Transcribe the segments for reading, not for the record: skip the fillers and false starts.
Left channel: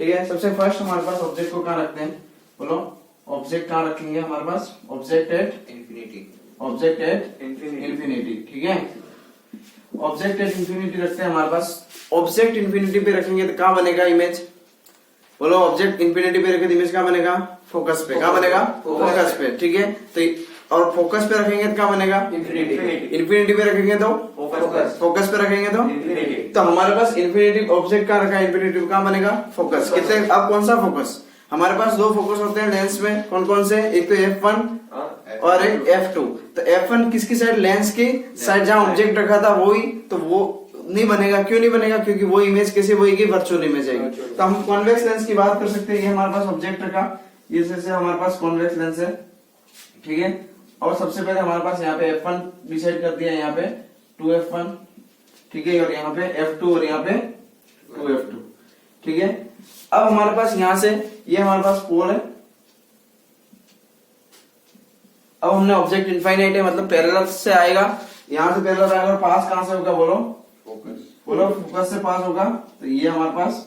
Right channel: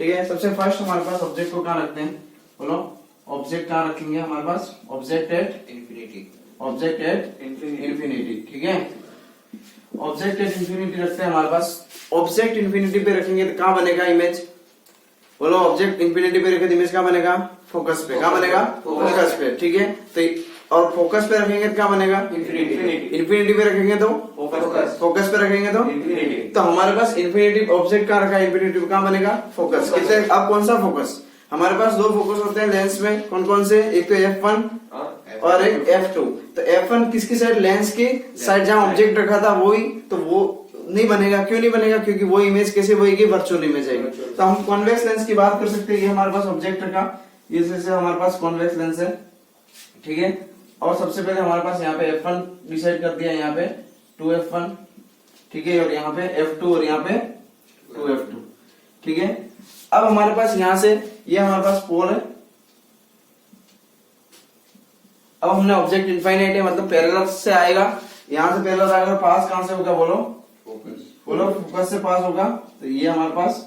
ठीक है। सबसे फर्स्ट हमारे पास ऑब्जेक्ट को कहाँ रखते हैं, बोलो ऑब्जेक्ट कहाँ रखेंगे हमारे पास, object at infinity, object at infinity. ठीक है, ऑब्जेक्ट एट इंफिनिटी रखते हैं हमारे पास। ऑब्जेक्ट इंफिनिटी पे रखेंगे तो क्या बनेगा इमेज, बोलो ऑब्जेक्ट इंफिनिटी पे रखे तो इमेज क्या बनेगा, फोकस पे। क्या बनेगा, फोकस पे। ठीक है, तो और फोकस पे रखेंगे तो क्या बनेगा, इंफिनिटी, इंफिनिटी पे रखेंगे तो फोकस, फोकस पे रखेंगे तो इंफिनिटी। तो हमारे पास इंफिनिटी ऑब्जेक्ट कहाँ रखा है, इंफिनिटी पे कहाँ बनेगा, फोकस। कितने, अब कौन सा फोकस, हमारे पास दो फोकस होते हैं लेंस में, कौन कौन से, एक तो F1 और एक F2। तो F1 किसकी साइड, लेंस की साइड जहाँ ऑब्जेक्ट रखा था वही, तो वो नहीं बनेगा। क्यों नहीं बनेगा, क्योंकि वो इमेज कैसे बनेगी, वर्चुअल इमेज आएगी। तो हम कॉन्वेक्स लेंस की बात कर सकते हैं, ये हमारे पास ऑब्जेक्ट रखा, ये जैसे हमारे पास कॉन्वेक्स लेंस है। ठीक है, और सबसे पहले हमारे पास यहाँ पे F1 डिसाइड कर दिया, यहाँ पे 2F1। ठीक है, और यहाँ पे F2 और यहाँ पे 2F2। ठीक है, अब हमारे पास यहां से ये हमारे पास पोल है। अब हमने ऑब्जेक्ट इनफाइनाइट है, मतलब पैरेलल से आएगा, यहां से पैरेलल आएगा, पास कहां से होगा, बोलो फोकस, बोलो फोकस से पास होगा। तो ये हमारे पास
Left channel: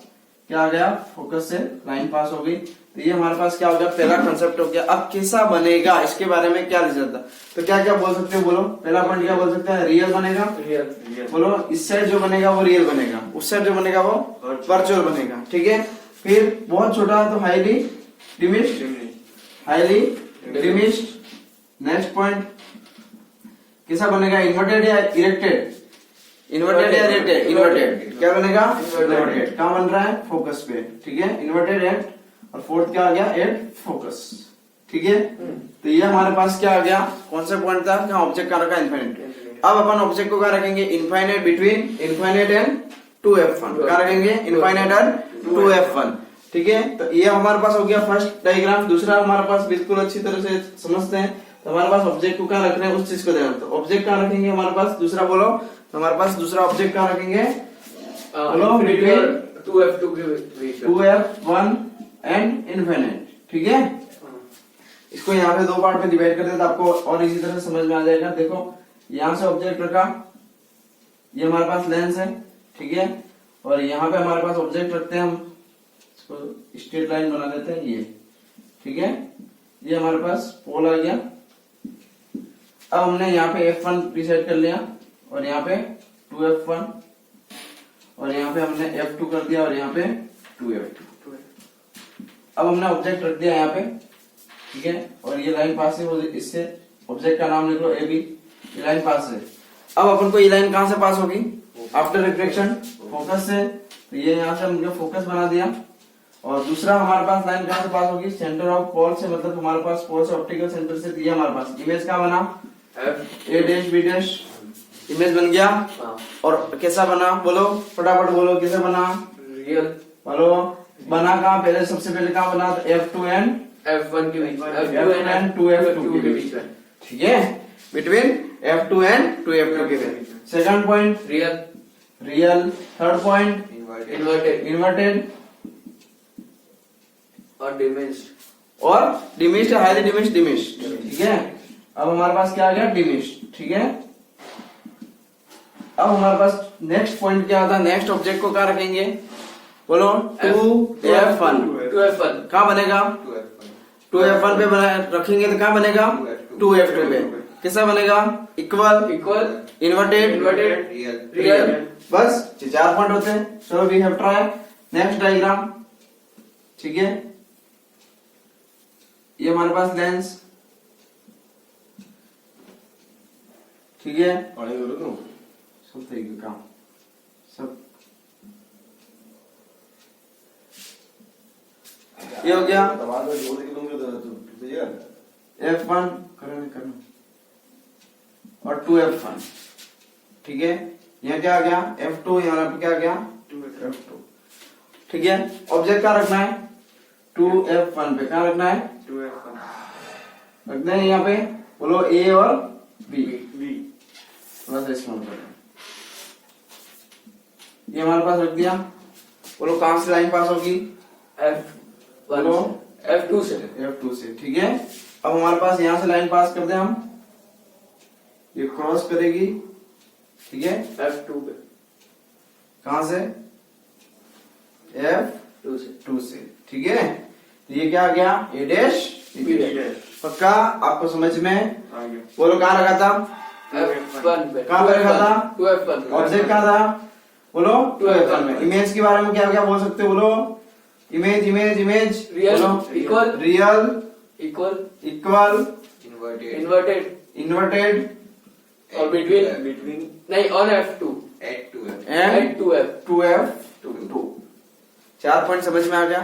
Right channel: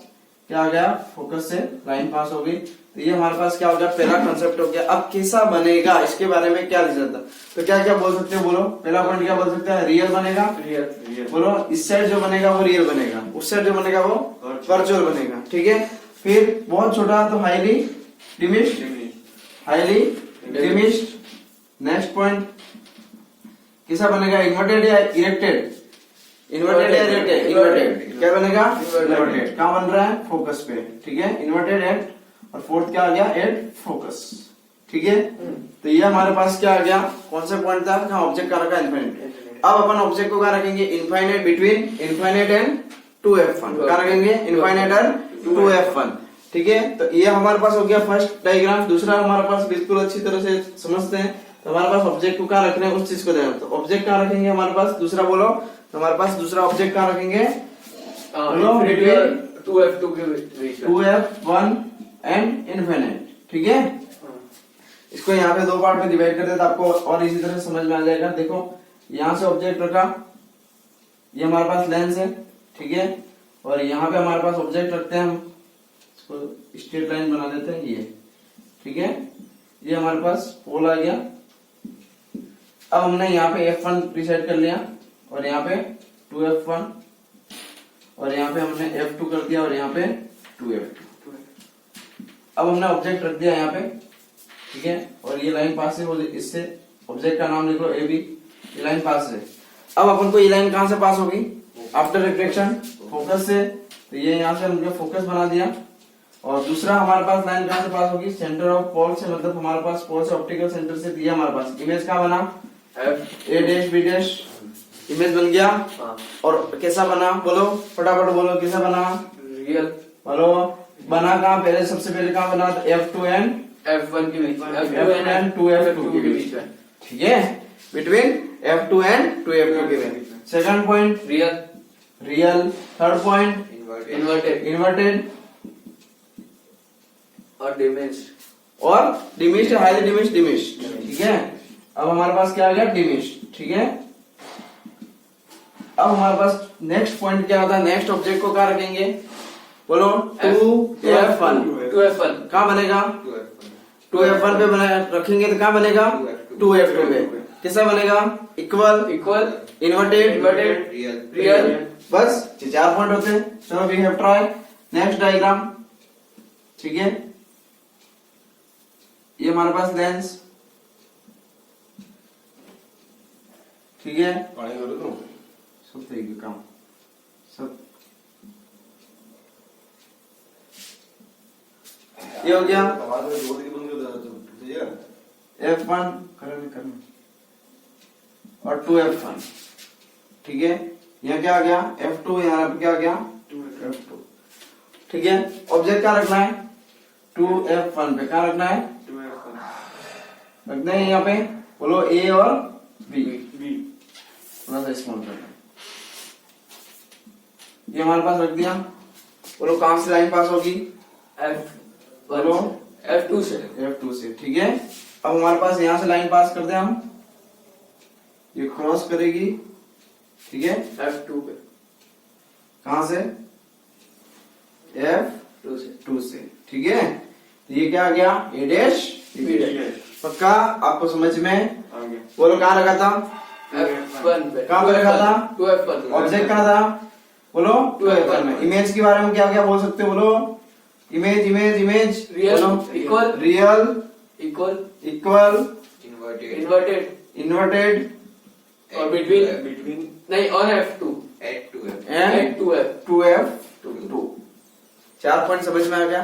क्या आ गया, फोकस से लाइन पास हो गई। तो ये हमारे पास क्या हो गया, पहला कंसेप्ट हो गया। अब कैसा बनेगा, इसके बारे में क्या रिजल्ट था, तो क्या क्या बोल सकते हो, बोलो पहला पॉइंट क्या बोल सकते हैं, रियल बनेगा। रियल, बोलो इस साइड जो बनेगा वो रियल बनेगा, उस साइड जो बनेगा वो वर्चुअल बनेगा। ठीक है, फिर बहुत छोटा तो हाईली डिमिश्ड, हाईली डिमिश्ड। नेक्स्ट पॉइंट कैसा बनेगा, इन्वर्टेड या इरेक्टेड, इन्वर्टेड या इरेक्टेड, इन्वर्टेड। क्या बनेगा, इन्वर्टेड। कहाँ बन रहा है, फोकस पे। ठीक है, इन्वर्टेड एट, और फोर्थ क्या आ गया, एट फोकस। ठीक है, तो ये हमारे पास क्या आ गया, कौन सा पॉइंट था, कहाँ ऑब्जेक्ट का रखा, इनफाइनाइट। अब अपन ऑब्जेक्ट को क्या रखेंगे, infinite between infinite and 2F1। क्या रखेंगे, इनफाइनाइट एंड 2F1। ठीक है, तो ये हमारे पास हो गया फर्स्ट डायग्राम। दूसरा हमारे पास बिल्कुल अच्छी तरह से समझते हैं, तो हमारे पास ऑब्जेक्ट को कहाँ रखना है, उस चीज को ध्यान। तो ऑब्जेक्ट कहाँ रखेंगे हमारे पास, दूसरा बोलो, तो हमारे पास दूसरा ऑब्जेक्ट कहाँ रखेंगे, बोलो बिटवीन 2F2 के बीच में, 2F1 एंड इनफाइनाइट। ठीक है, इसको यहाँ पे दो पार्ट में डिवाइड कर दे तो आपको और इसी तरह से समझ में आ जाएगा। देखो यहाँ से ऑब्जेक्ट रखा, ये हमारे पास लेंस है। ठीक है, और यहाँ पे हमारे पास ऑब्जेक्ट रखते हैं हम, इसको स्ट्रेट लाइन बना देते हैं ये। ठीक है, ये हमारे पास पोल आ गया। अब हमने यहाँ पे F1 डिसाइड कर लिया, और यहाँ पे 2F1, और यहाँ पे हमने F2 कर दिया, और यहाँ पे 2F2। अब हमने ऑब्जेक्ट रख दिया यहाँ पे। ठीक है, और ये लाइन पास है, इससे ऑब्जेक्ट का नाम लिख लो AB, ये लाइन पास है। अब अपन को ये लाइन कहां से पास होगी, आफ्टर रिफ्लेक्शन, फोकस से। तो ये यहाँ से हमने फोकस बना दिया। और दूसरा हमारे पास लाइन कहां से पास होगी, सेंटर ऑफ पोल से, मतलब हमारे पास पोल से ऑप्टिकल सेंटर से दिया हमारे पास। इमेज कहाँ बना, A dash B dash, image बन गया। और कैसा बना, बोलो फटाफट बोलो, कैसा बना, रियल। बोलो बना कहाँ, पहले सबसे पहले कहाँ बना, F2 एंड F1 के बीच में, F1 एंड 2F2 के बीच में। ठीक है, बिटवीन F2 एंड 2F2 के बीच। Second point real, real. Third point inverted inverted और डिमिश्ड, और डिमिश्ड, हाईली डिमिश्ड, डिमिश्ड। ठीक है, अब हमारे पास क्या आ गया, डिमिश्ड। ठीक है, अब हमारे पास नेक्स्ट पॉइंट क्या आता है, नेक्स्ट ऑब्जेक्ट को क्या रखेंगे, बोलो 2F1। 2F1 कहाँ बनेगा, 2F1 पे बना रखेंगे तो कहाँ बनेगा, 2F2 पे। कैसा बनेगा, equal, equal, inverted, inverted, real. बस ये 4 पॉइंट होते हैं। चलो we have try. Next diagram. ठीक है, ये हमारे पास लेंस। ठीक है, सब तरीके का काम, सब ये हो गया F1 करना और 2F1। ठीक है, यहाँ क्या आ गया, F2, यहाँ पे क्या आ गया, 2F2। ठीक है, ऑब्जेक्ट क्या रखना है, 2F1 पे। क्या रखना है, 2F1 रखना है यहाँ पे, बोलो A और B। थोड़ा सा स्मॉल कर, ये हमारे पास रख दिया। बोलो कहां से लाइन पास होगी, बोलो F2 से, F2 से। ठीक है, अब हमारे पास यहां से लाइन पास कर दे हम, ये क्रॉस करेगी। ठीक है, F2 पे, कहां से, F 2 से। 2 से, ठीक है। ये क्या आ गया, ए डैश B डैश। पक्का आपको समझ में? आगे। बोलो कहाँ रखा था, F1 पे। कहाँ पे रखा था? 2F1। ऑब्जेक्ट कहाँ था, बोलो 2F1 में। इमेज के बारे में क्या क्या बोल सकते हो, बोलो image image image, real, equal, real, equal, equal, inverted inverted और बिटवीन नहीं, on F2 and 2F 2F2। 4 point समझ में आ गया।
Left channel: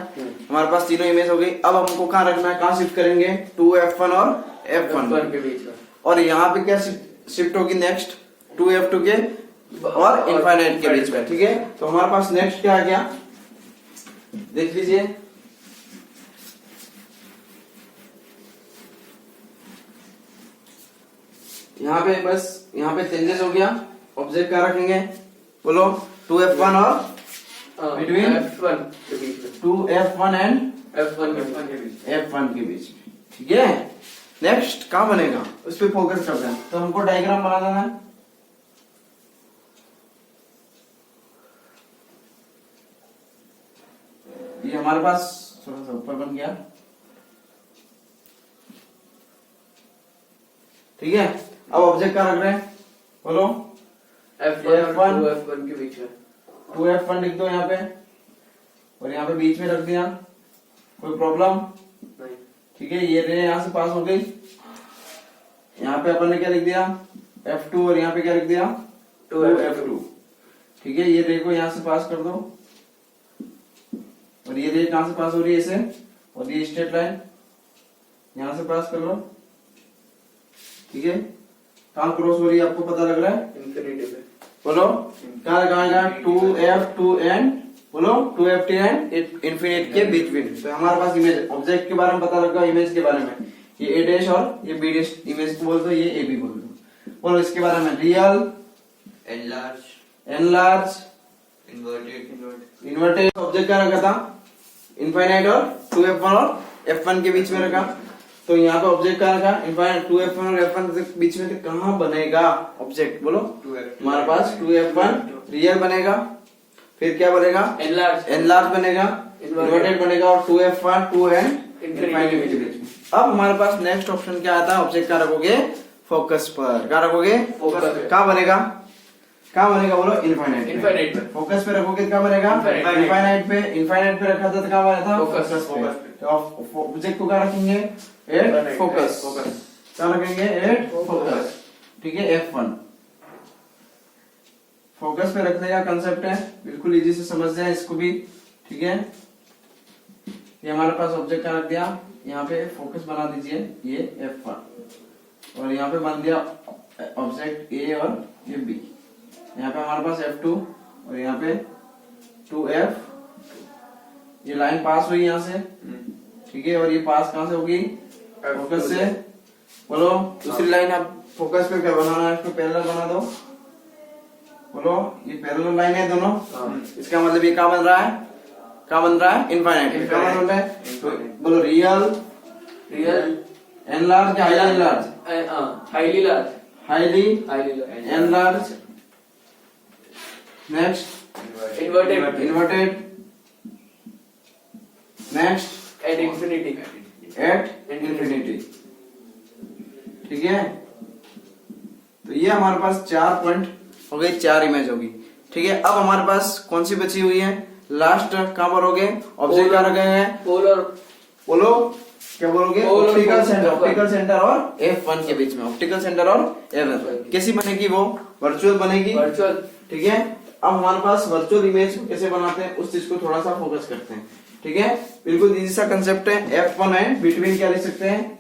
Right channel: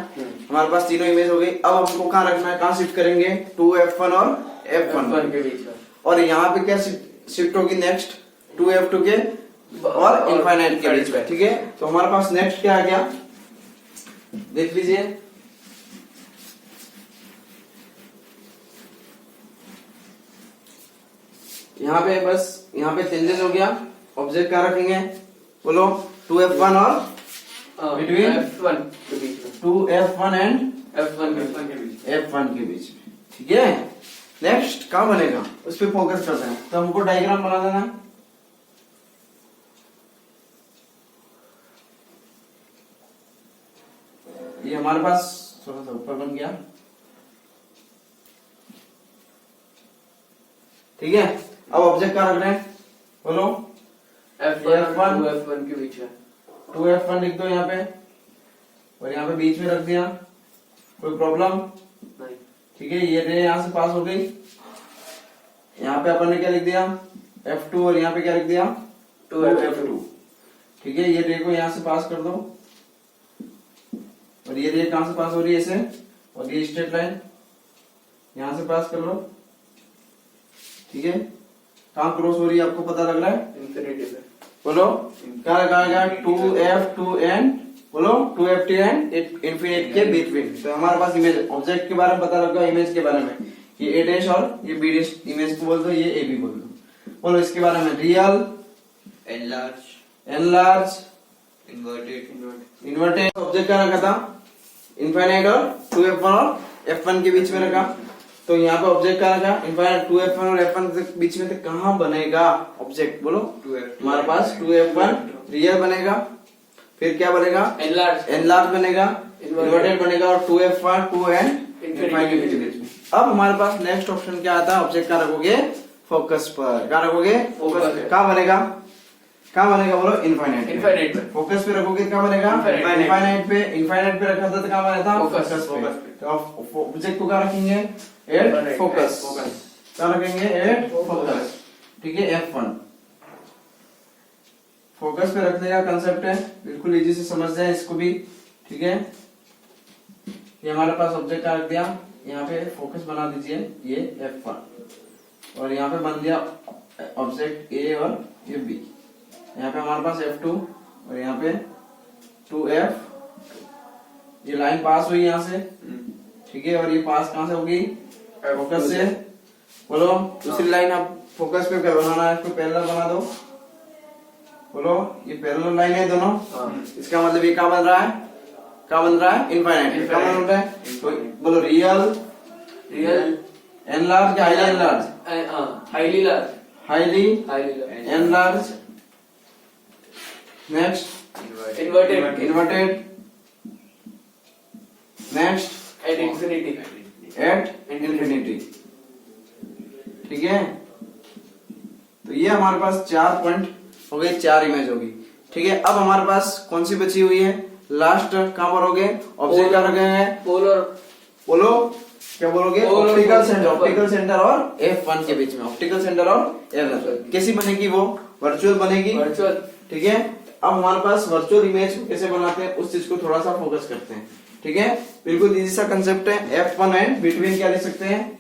हमारे पास तीनों इमेज हो गई। अब हमको कहाँ रखना है, कहाँ शिफ्ट करेंगे, 2F1 और F1 के बीच में। और यहाँ पे क्या शिफ्ट होगी नेक्स्ट, 2F2 के और इनफाइनाइट के बीच में, ठीक है। तो हमारे पास नेक्स्ट क्या आ गया, देख लीजिए। यहाँ पे बस यहाँ पे चेंजेस हो गया। ऑब्जेक्ट कहाँ रखेंगे, बोलो 2F1 और Between? F1 के बीच में। 2F1 एंड F1 के बीच में। F1 के बीच में, ठीक है। नेक्स्ट कहाँ बनेगा, उस पर फोकस करते हैं। तो हमको डायग्राम बना देना है। ये हमारे पास थोड़ा सा ऊपर बन गया, ठीक है। अब ऑब्जेक्ट कहाँ रख रहे हैं, बोलो F1 और 2F1 के बीच में। 2F1 लिख दो यहाँ पे और यहाँ पे बीच में रख दिया, कोई प्रॉब्लम नहीं। ठीक है। ये रे यहाँ से पास हो गई, यहाँ पे अपन ने क्या लिख दिया, F2 और यहाँ पे क्या लिख दिया, 2F2, ठीक है। ये रे को यहाँ से पास कर दो और ये रे कहाँ से पास हो रही है, इसे, और ये स्ट्रेट लाइन यहाँ से पास कर लो, ठीक है। कहाँ क्रॉस हो रही है आपको पता लग रहा है, इंफिनिटी पे। बोलो कहाँ लगाएगा, 2F2 एंड, बोलो 2F2 एंड इन्फिनिट के बिटवीन। तो हमारे पास इमेज, ऑब्जेक्ट के बारे में पता लगा, इमेज के बारे में ये ए डैश और ये बी डैश, इमेज को बोल दो, ये ए बी बोल दो। बोलो इसके बारे में, रियल, एनलार्ज, इन्वर्टेड। ऑब्जेक्ट का रखा था इनफाइनाइट और 2F1 और F1 के बीच में रखा। तो यहाँ पे ऑब्जेक्ट का रखा इनफाइनाइट, 2F1 और F1 के बीच में, तो कहाँ बनेगा ऑब्जेक्ट, बोलो हमारे पास 2F1 रियल बनेगा, फिर क्या बनेगा, एनलार्ज बनेगा, इन्वर्टेड बनेगा और 2F1 2 एंड इनफाइनाइट के बीच में। अब हमारे पास नेक्स्ट ऑप्शन क्या आता है, ऑब्जेक्ट का रखोगे फोकस पर, क्या रखोगे, कहाँ बनेगा, कहाँ बनेगा, बोलो इनफाइनाइट पे। फोकस पे रखोगे क्या बनेगा, इनफाइनाइट पे। इनफाइनाइट पे रखा था तो कहाँ बना था, फोकस पे। तो ऑब्जेक्ट को क्या रखेंगे, एट फोकस, क्या रखेंगे, एट फोकस, ठीक है। F1 फोकस पे रखने का कंसेप्ट है, बिल्कुल इजी से समझ जाए इसको भी, ठीक है। ये हमारे पास ऑब्जेक्ट का रख दिया, यहाँ पे फोकस बना दीजिए, ये F1 और यहाँ पे बन दिया ऑब्जेक्ट A और ये B। यहाँ पे हमारे पास F2 और यहाँ पे 2F, ये लाइन पास हुई यहाँ से, ठीक है। और ये पास कहाँ से होगी, फोकस से। बोलो दूसरी लाइन आप फोकस पे क्या बनाना है, इसको पैरेलल बना दो। बोलो ये पैरेलल लाइन है दोनों, इसका मतलब ये क्या बन रहा है, क्या बन रहा है, इनफाइनाइट। क्या बन रहा है, तो बोलो real, enlarge, highly large, highly enlarge, next inverted, next eight infinity, ठीक है। तो ये हमारे पास 4 पॉइंट हो गए, 4 इमेज होगी, ठीक है। अब हमारे पास कौन सी बची हुई है, लास्ट कहाँ पर हो गए, ऑब्जेक्ट कहाँ रखे हैं, बोलो क्या बोलोगे, ऑप्टिकल सेंटर और F1 के बीच में, ऑप्टिकल सेंटर और F1 कैसी बनेगी, वो वर्चुअल बनेगी, ठीक है। अब हमारे पास वर्चुअल इमेज कैसे बनाते हैं, उस चीज को थोड़ा सा फोकस करते हैं, ठीक है। बिल्कुल इजी सा कंसेप्ट है। F1 एंड बिटवीन क्या लिख सकते हैं,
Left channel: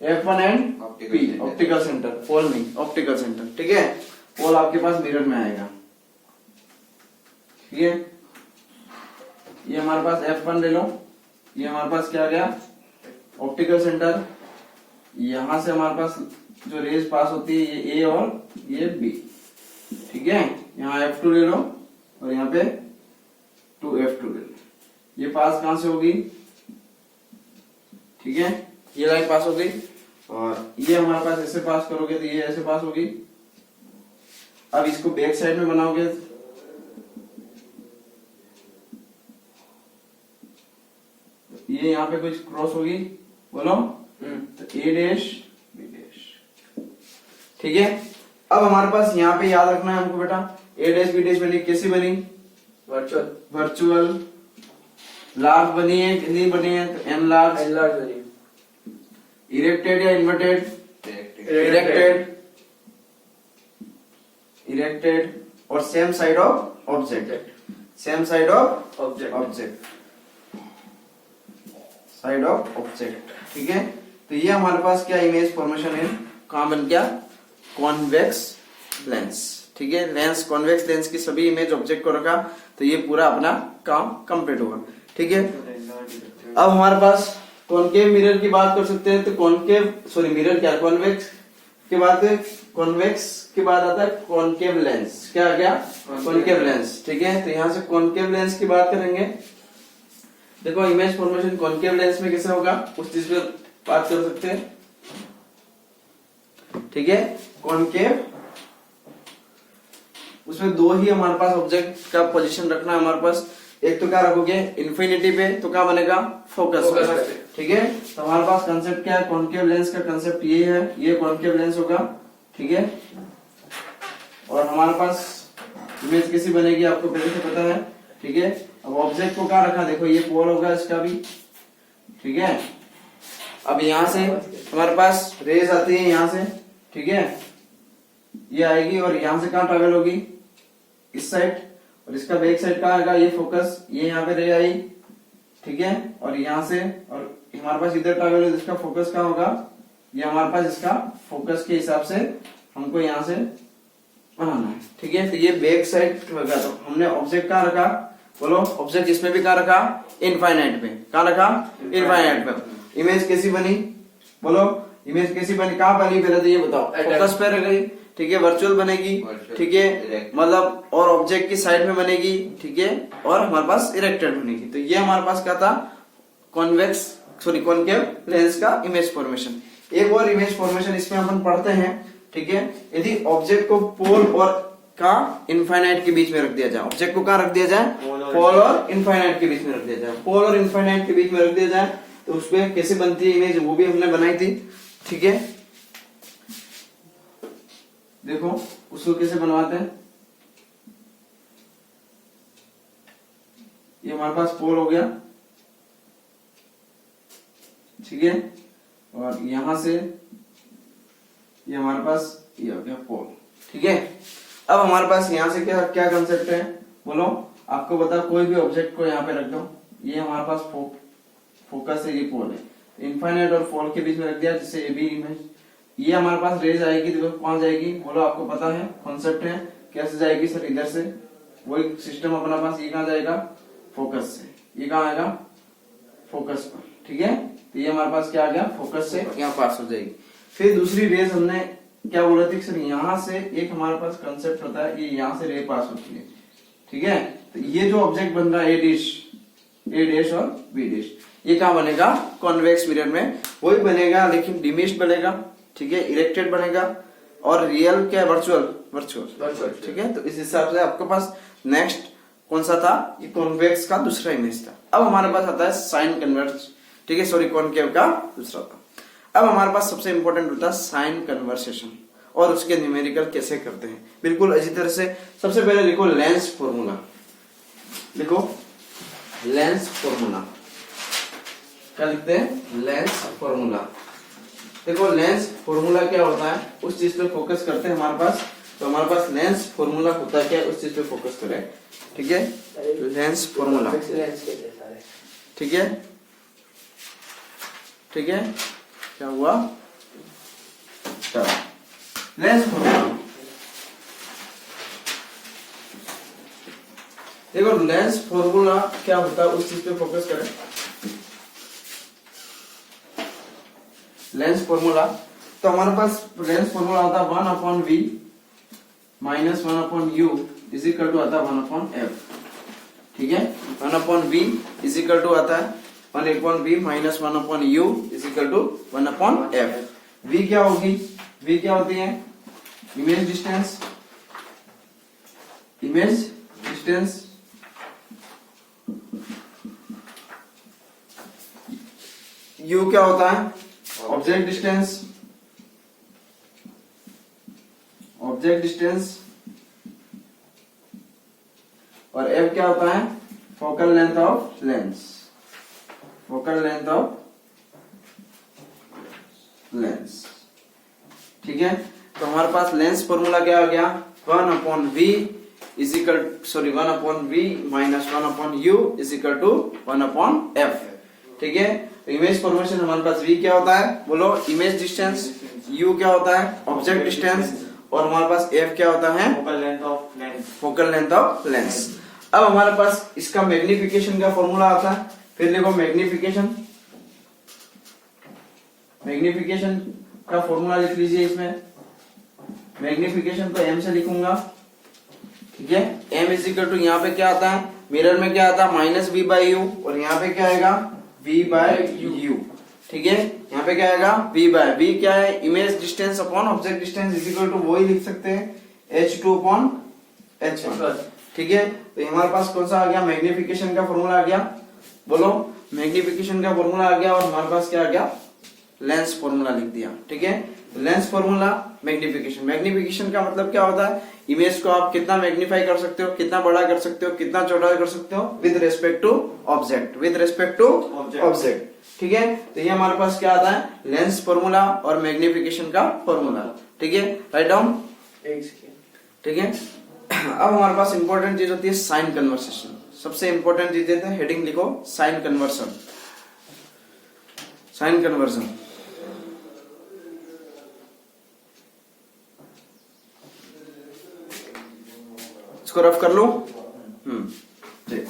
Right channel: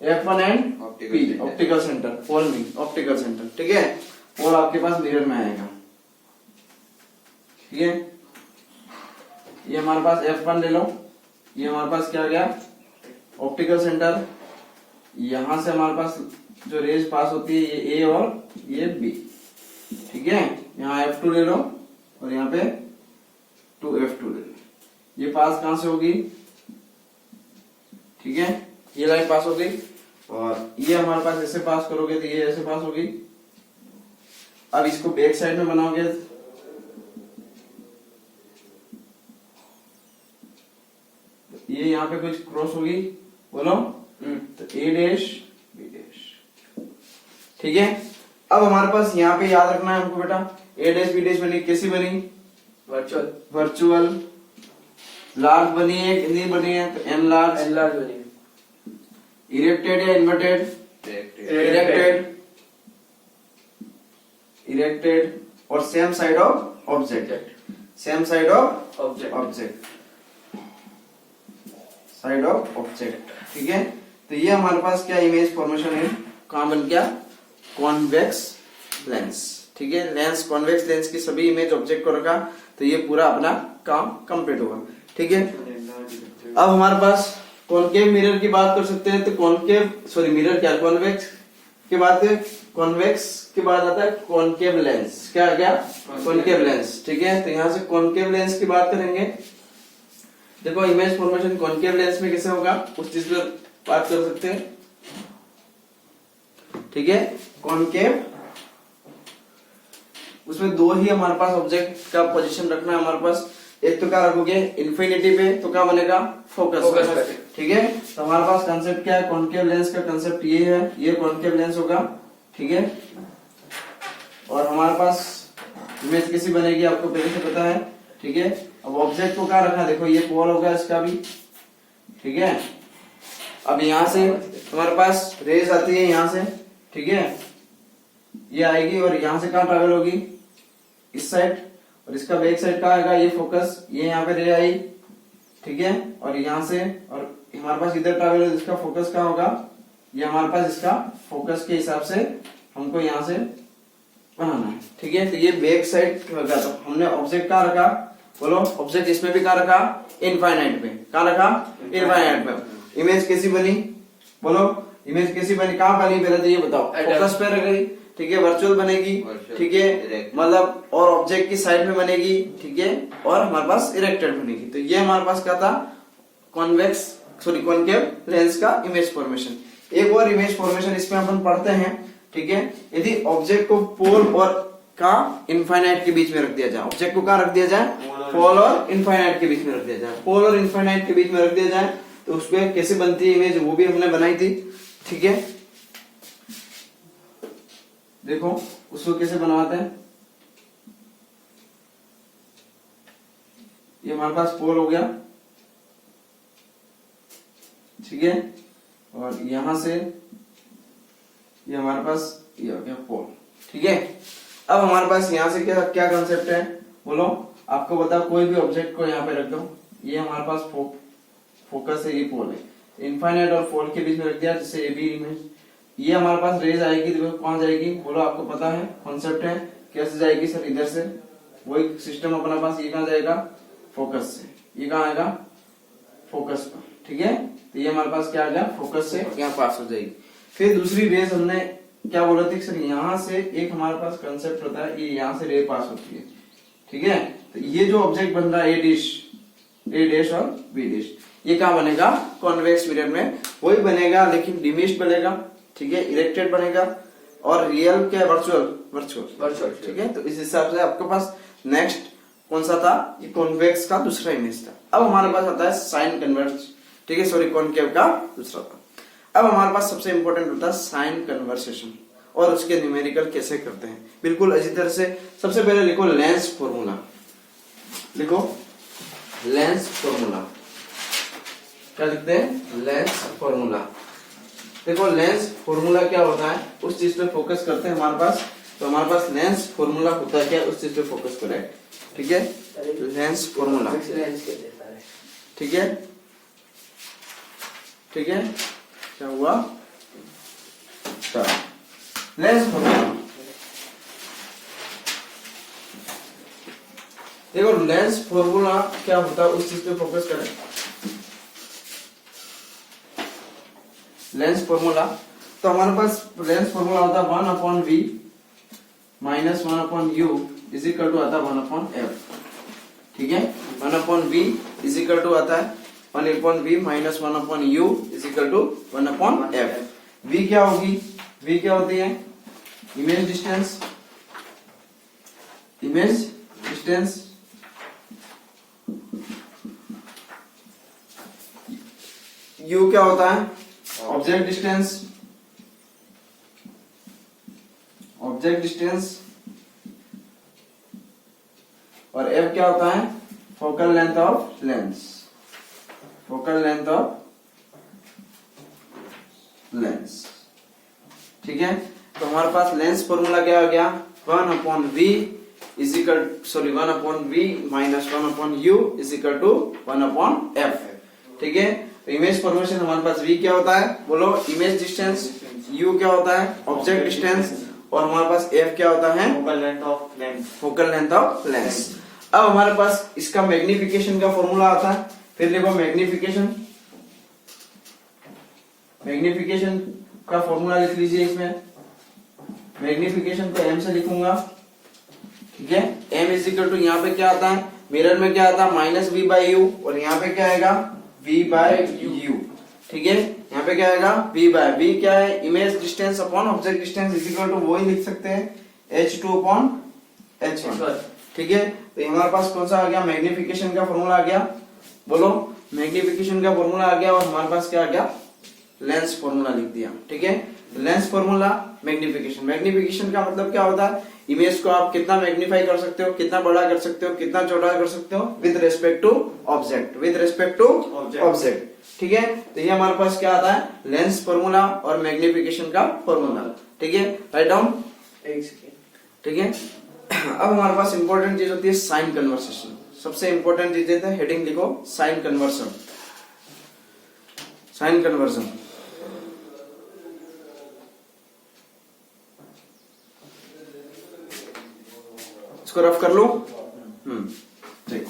F1 and P, optical centre, pole नहीं, ऑप्टिकल सेंटर, ठीक है। पोल आपके पास मिरर में आएगा, ठीक है। ये हमारे पास F1 ले लो, ये हमारे पास क्या आ गया, ऑप्टिकल सेंटर। यहां से हमारे पास जो रेज पास होती है, ये A और ये B, ठीक है। यहाँ F2 ले लो और यहाँ पे 2F2 ले लो। ये पास कहां से होगी, ठीक है, ये लाइन पास हो गई और ये हमारे पास ऐसे पास करोगे तो ये ऐसे पास होगी। अब इसको बैक साइड में बनाओगे, ये यहाँ पे कुछ क्रॉस होगी, बोलो तो ए डैश बी डैश। ठीक है, अब हमारे पास यहाँ पे याद रखना है हमको बेटा, ए डैश बी डैश बनी, कैसी बनी? वर्चुअल। वर्चुअल। लार्ज बनी है, कितनी बनी है? तो एन लार्ज। एन लार्ज बनी। इरेक्टेड या इन्वर्टेड? इरेक्टेड। इरेक्टेड और same side of object, same side of object, side of object. ठीक है, तो ये हमारे पास क्या इमेज फॉर्मेशन है, कहां बन गया? Convex lens. ठीक है, लेंस, कॉन्वेक्स लेंस की सभी इमेज ऑब्जेक्ट को रखा तो ये पूरा अपना काम कंप्लीट होगा। ठीक है, अब हमारे पास कॉनकेव मिरर की बात कर सकते हैं, तो कॉनकेव सॉरी मिरर क्या, कॉन्वेक्स के बाद, कॉन्वेक्स के बाद आता है कॉनकेव लेंस। क्या आ गया? Concave lens. ठीक है, तो यहां से कॉनकेव लेंस की बात करेंगे। देखो इमेज फॉर्मेशन कॉनकेव लेंस में कैसे होगा, उस चीज पे बात कर सकते हैं। ठीक है, कॉनकेव, उसमें दो ही हमारे पास ऑब्जेक्ट का पोजीशन रखना है हमारे पास। एक तो क्या रखोगे इन्फिनिटी पे, तो क्या बनेगा? फोकस। ठीक है, तो हमारे पास कंसेप्ट क्या है? कॉनकेव लेंस का कंसेप्ट ये है, ये कॉनकेव लेंस होगा। ठीक है, और हमारे पास इमेज कैसी बनेगी आपको पहले से पता है। ठीक है, अब ऑब्जेक्ट को क्या रखा, देखो ये पोल होगा इसका भी। ठीक है, अब यहां से हमारे पास रेज आती है यहां से। ठीक है, ये आएगी और यहां से कहां ट्रैवल होगी? इस साइड, और इसका बैक साइड कहां आएगा? ये फोकस, ये यहाँ पे रे आई। ठीक है, और यहां से और हमारे पास इधर ट्रैवल हो, इसका फोकस कहां होगा? ये हमारे पास इसका फोकस के हिसाब से हमको यहाँ से बनाना है। ठीक है, तो ये बैक साइड होगा। तो हमने ऑब्जेक्ट कहां रखा, बोलो? ऑब्जेक्ट इसमें भी कहां रखा? इनफाइनाइट पे। कहां रखा? इनफाइनाइट पे। इमेज कैसी बनी, बोलो? इमेज कैसी बनी, कहां बनी पहले तो ये बताओ? फोकस पे रह गई। ठीक है, वर्चुअल बनेगी। ठीक है, मतलब और ऑब्जेक्ट की साइड में बनेगी। ठीक है, और हमारे पास इरेक्टेड बनेगी। तो ये हमारे पास क्या था? कॉन्वेक्स सॉरी कॉनकेव लेंस का इमेज फॉर्मेशन। एक और इमेज फॉर्मेशन इसमें अपन पढ़ते हैं। ठीक है, यदि ऑब्जेक्ट को पोल और का इनफाइनाइट के बीच में रख दिया जाए, ऑब्जेक्ट को कहां रख दिया जाए? पोल और इनफाइनाइट के बीच में रख दिया जाए। पोल और इनफाइनाइट के बीच में रख दिया जाए तो उसपे कैसे बनती है इमेज, वो भी हमने बनाई थी। ठीक है, देखो उसको कैसे बनवाते हैं। ये हमारे पास पोल हो गया। ठीक है, और यहां से ये हमारे पास ये हो गया पोल। ठीक है, अब हमारे पास यहां से क्या क्या कंसेप्ट है, बोलो? आपको बताओ, कोई भी ऑब्जेक्ट को यहाँ पे रख दो, ये हमारे पास फोकस है, ये पोल है। इनफाइनाइट और पोल के बीच में रख दिया, जिससे ये भी इमेज, ये हमारे पास रेज आएगी, देखो कौन जाएगी, बोलो? आपको पता है, कॉन्सेप्ट है। कैसे जाएगी सर? इधर से, वही सिस्टम अपना पास। ये कहां जाएगा? फोकस से। ये कहां आएगा? फोकस पर। ठीक है, तो ये हमारे पास क्या आ गया? फोकस से यहाँ पास हो जाएगी। फिर दूसरी रेज हमने क्या बोला थी सर? यहां से एक हमारे पास कंसेप्ट होता है, ये यहां से रे पास होती है। ठीक है, तो ये जो ऑब्जेक्ट बन रहा है ए डैश और बी डैश, ये कहां बनेगा? कॉन्वेक्स मिरर में वही बनेगा, लेकिन डिमिश्ड बनेगा। ठीक है, इरेक्टेड बनेगा, और रियल क्या? वर्चुअल। ठीक है, तो इस हिसाब से आपके पास नेक्स्ट कौन सा था? ये कॉन्वेक्स का दूसरा इमेज था। अब हमारे पास आता है साइन कन्वर्स। ठीक है, सॉरी कॉनकेव का दूसरा था। अब हमारे पास सबसे इंपॉर्टेंट होता है साइन कन्वर्सेशन, और उसके न्यूमेरिकल कैसे करते हैं। बिल्कुल इसी तरह से सबसे पहले लिखो लेंस फॉर्मूला। लिखो लेंस फॉर्मूला। क्या लिखते हैं? Lens formula. देखो लेंस फॉर्मूला क्या होता है, उस चीज पे फोकस करते हैं हमारे पास। तो हमारे पास लेंस फॉर्मूला होता है क्या, उस चीज पे फोकस करें। ठीक है, लेंस फॉर्मूला। ठीक है, ठीक है, क्या हुआ? Lens formula. देखो लेंस फॉर्मूला क्या होता है, उस चीज पे फोकस करें। लेंस फॉर्मूला, तो हमारे पास लेंस फॉर्मूला होता है 1/v minus 1/u is equal to आता है 1/f। ठीक है, 1/v इज इक्वल टू आता है 1/v minus 1/u is equal to 1/f। v क्या होगी? v क्या होती है? Image distance. Image distance u क्या होता है? ऑब्जेक्ट डिस्टेंस, ऑब्जेक्ट डिस्टेंस, और f क्या होता है? Focal length of lens, focal length of lens. ठीक है, तो हमारे पास लेंस फॉर्मूला क्या आ गया? 1/v is equal, sorry 1/v minus 1/u is equal to 1/f। ठीक है, तो इमेज फॉर्मेशन हमारे पास v क्या होता है? बोलो, इमेज डिस्टेंस, u क्या होता है? ऑब्जेक्ट डिस्टेंस, और हमारे पास f क्या होता है? Focal length of lens, focal length of lens. अब हमारे पास इसका मैग्निफिकेशन का फॉर्मूला आता है। फिर देखो मैग्निफिकेशन, मैग्निफिकेशन का फॉर्मूला लिख लीजिए। इसमें मैग्निफिकेशन को m से लिखूंगा। ठीक है, m इज इक्वल टू, यहाँ पे क्या आता है? मिरर में क्या आता है? माइनस v बाई यू, और यहाँ पे क्या आएगा? v by you. ठीक है, यहाँ पे क्या आएगा? v बाय, v क्या है? Image distance upon object distance is equal to, वही लिख सकते हैं h2 अपॉन h1। ठीक है, तो हमारे पास कौन सा आ गया? मैग्निफिकेशन का फॉर्मूला आ गया। बोलो, मैग्निफिकेशन का फॉर्मूला आ गया, और हमारे पास क्या आ गया? लेंस फॉर्मूला लिख दिया। ठीक है, लेंस फॉर्मूला, मैग्निफिकेशन। मैग्निफिकेशन का मतलब क्या होता है? इमेज को आप कितना मैग्नीफाई कर सकते हो, कितना बड़ा कर सकते हो, कितना छोटा कर सकते हो, with respect to object, with respect to object. ठीक है, तो ये हमारे पास क्या आता है? लेंस फॉर्मूला और मैग्निफिकेशन का फॉर्मूला। ठीक है, राइट डाउन। ठीक है, अब हमारे पास इंपॉर्टेंट चीज होती है साइन कन्वर्सेशन। सबसे इंपॉर्टेंट चीज है, हेडिंग लिखो, साइन कन्वर्सन, साइन कन्वर्सन। इसको रफ कर लो। ठीक,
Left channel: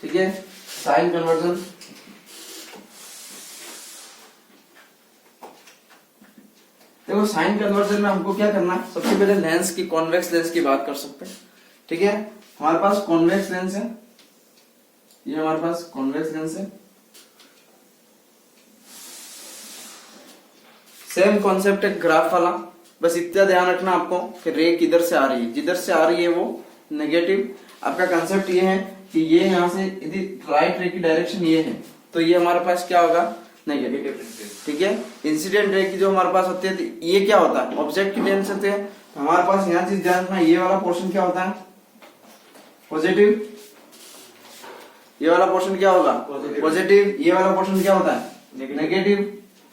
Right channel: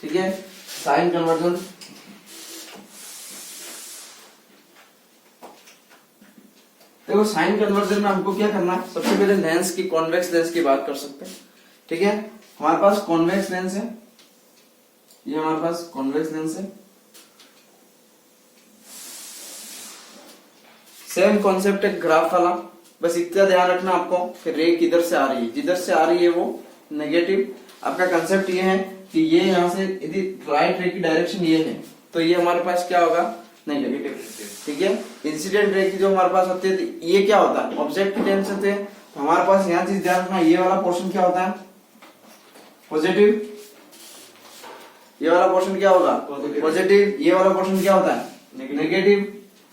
ठीक है, साइन कन्वर्जन। देखो, साइन कन्वर्जन में हमको क्या करना है? सबसे पहले लेंस की, कॉन्वेक्स लेंस की बात कर सकते हैं। ठीक है, हमारे पास कॉन्वेक्स लेंस है, ये हमारे पास कॉन्वेक्स लेंस है। सेम कॉन्सेप्ट है ग्राफ वाला, बस इतना ध्यान रखना आपको कि रे किधर से आ रही है। जिधर से आ रही है वो नेगेटिव। आपका कंसेप्ट ये है कि ये यहाँ से यदि राइट रे की डायरेक्शन ये है, तो ये हमारे पास क्या होगा? नेगेटिव। ठीक है, इंसिडेंट रे की जो हमारे पास होती है, तो ये क्या होता है? ऑब्जेक्ट की टेंस होते हैं। तो हमारे पास यहाँ चीज ध्यान रखना, ये वाला पोर्शन क्या होता है? पॉजिटिव। ये वाला पोर्शन क्या होगा? पॉजिटिव। ये वाला पोर्शन क्या होता है? नेगेटिव।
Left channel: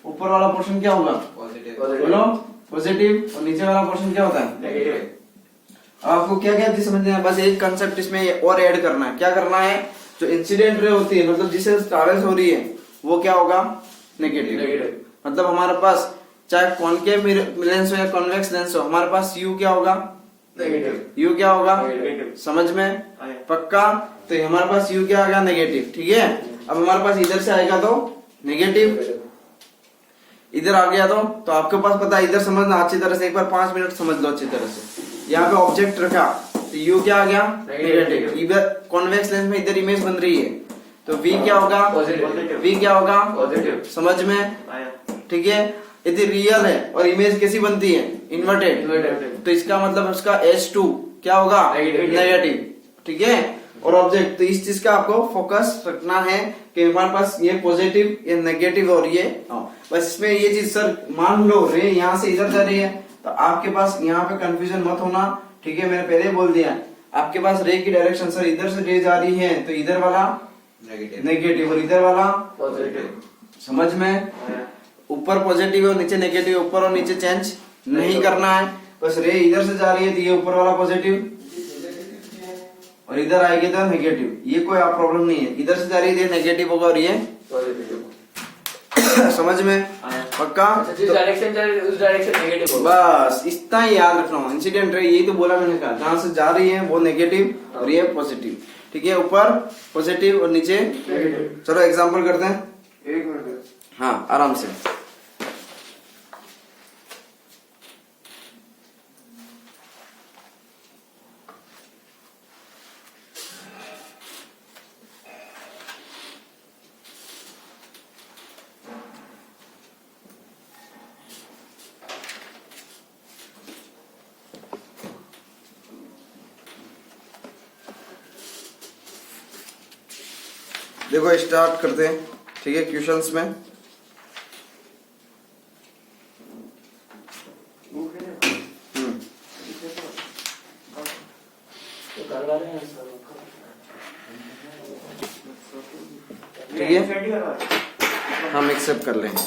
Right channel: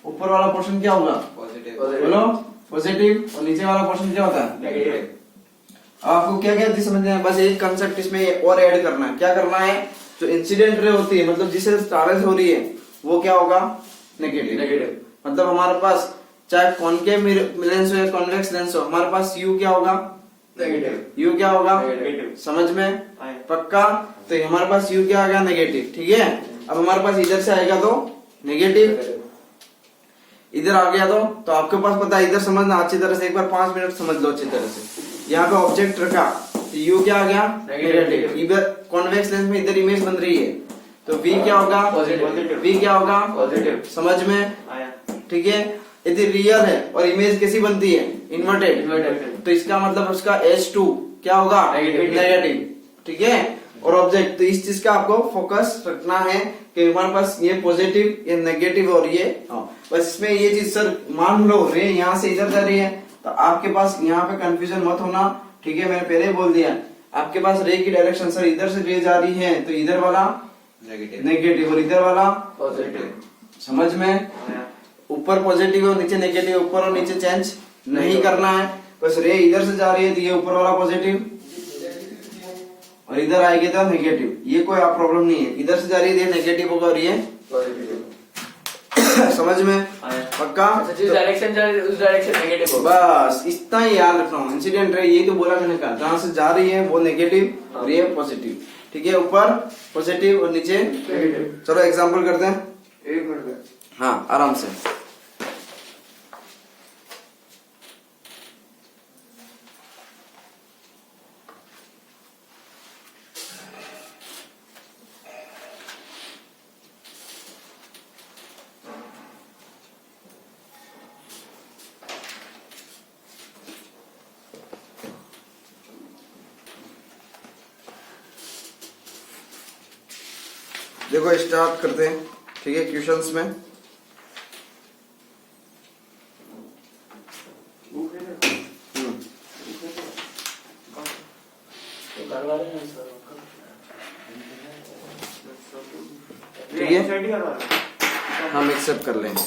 ऊपर वाला पोर्शन क्या होगा? बोलो, पॉजिटिव। और नीचे वाला पोर्शन क्या होता है? नेगेटिव। अब आपको क्या क्या समझना है? बस एक कंसेप्ट इसमें और ऐड करना है। क्या करना है? जो इंसिडेंट रे होती है, मतलब जिससे ट्रैवल हो रही है, वो क्या होगा? नेगेटिव। मतलब हमारे पास चाहे कॉनकेव लेंस हो या कॉन्वेक्स लेंस हो, हमारे पास यू क्या होगा? नेगेटिव। यू क्या होगा? नेगेटिव। समझ में? पक्का? तो हमारे पास यू क्या आएगा? नेगेटिव। ठीक है, अब हमारे पास इधर से आएगा तो नेगेटिव, इधर आ गया तो आपके पास पता है, इधर समझना अच्छी तरह से, एक बार 5 मिनट समझ लो अच्छी तरह से। यहाँ पे ऑब्जेक्ट रखा, तो यू क्या आ गया? नेगेटिव। इधर कॉन्वेक्स लेंस में इधर इमेज बन रही है, तो वी क्या होगा? पॉजिटिव। वी क्या होगा? पॉजिटिव। समझ में? ठीक है, यदि रियल है और इमेज कैसी बनती है? इन्वर्टेड। तो इसका मतलब उसका H2 क्या होगा? नेगेटिव। ठीक है, और ऑब्जेक्ट, तो इस चीज का आपको फोकस रखना है कि हमारे पास ये पॉजिटिव, ये नेगेटिव, और ये बस इसमें ये चीज, सर मान लो रे यहाँ से इधर जा रही है, तो आपके पास यहाँ पे कंफ्यूजन मत होना। ठीक है, मैंने पहले बोल दिया, आपके पास रे की डायरेक्शन, सर इधर से रे जा रही है, तो इधर वाला नेगेटिव और इधर वाला पॉजिटिव। समझ में? ऊपर पॉजिटिव और नीचे नेगेटिव, ऊपर और नीचे चेंज नहीं करना है। बस रे इधर से जा रही है, तो ये ऊपर वाला पॉजिटिव, और इधर आएगी तो नेगेटिव। ये कोई प्रॉब्लम नहीं है, इधर से जा रही है नेगेटिव होगा और ये पॉजिटिव। समझ में? पक्का? जिस डायरेक्शन जा रही है उस डायरेक्शन नेगेटिव होगा। बस इतना ही याद रखना। इंसिडेंट रे, यही तो बोला मैंने, कहा जहां से जा रही है वो नेगेटिव और ये पॉजिटिव। ठीक है, ऊपर पॉजिटिव और नीचे नेगेटिव। चलो एग्जांपल करते हैं। एक मिनट। हाँ, आराम से। देखो स्टार्ट करते हैं, ठीक है, क्वेश्चंस में। ठीक है, हम एक्सेप्ट कर लेंगे।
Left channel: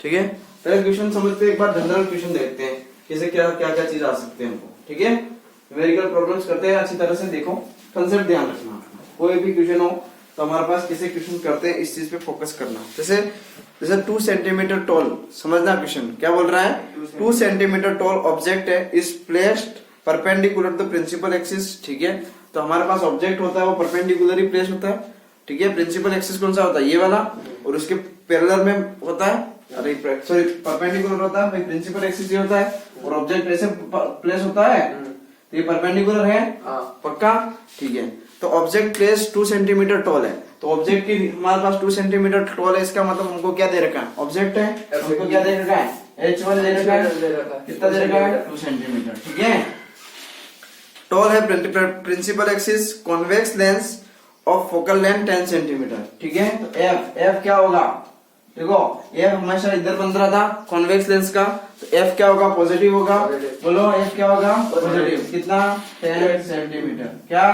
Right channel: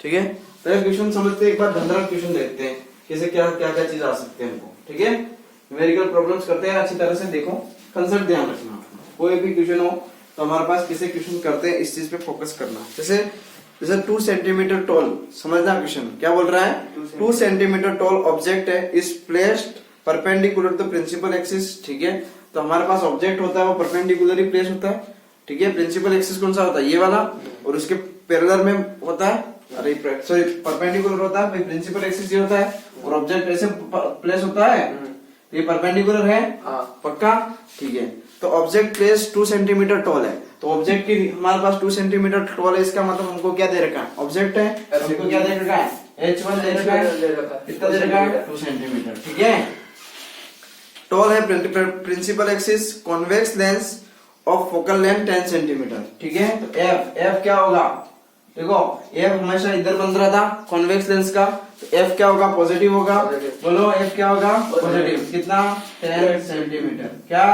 ठीक है, पहले क्वेश्चन समझते हैं, एक बार जनरल क्वेश्चन देखते हैं कैसे क्या क्या क्या चीज आ सकते हैं हमको। ठीक है, न्यूमेरिकल प्रॉब्लम्स करते हैं, अच्छी तरह से देखो, कंसेप्ट ध्यान रखना। कोई भी क्वेश्चन हो तो हमारे पास कैसे क्वेश्चन करते हैं, इस चीज पे फोकस करना। जैसे 2 सेंटीमीटर टॉल, समझना क्वेश्चन क्या बोल रहा है। 2 सेंटीमीटर टॉल ऑब्जेक्ट है, is placed perpendicular to principal axis. ठीक है, तो हमारे पास ऑब्जेक्ट होता है वो परपेंडिकुलर ही प्लेस होता है। ठीक है, प्रिंसिपल एक्सिस कौन सा होता है, ये वाला, और उसके पैरेलल में होता है, अरे सॉरी परपेंडिकुलर होता है, प्रिंसिपल एक्सिस ये होता है, और ऑब्जेक्ट ऐसे प्लेस होता है, तो ये परपेंडिकुलर है। पक्का, ठीक है। तो ऑब्जेक्ट प्लेस 2 सेंटीमीटर टॉल है, तो ऑब्जेक्ट की हमारे पास 2 सेंटीमीटर टॉल है, इसका मतलब हमको क्या दे रखा है, ऑब्जेक्ट है, हमको क्या दे रखा है, H1 दे रखा है, कितना दे रखा है, 2 सेंटीमीटर। ठीक है, टॉल है, principal axis, convex lens of focal length 10 centimetre. ठीक है, तो एफ क्या होगा, देखो एफ हमेशा इधर बन रहा था कॉन्वेक्स लेंस का, तो एफ क्या होगा, पॉजिटिव होगा। बोलो एफ क्या होगा, पॉजिटिव। कितना, 10 सेंटीमीटर। क्या,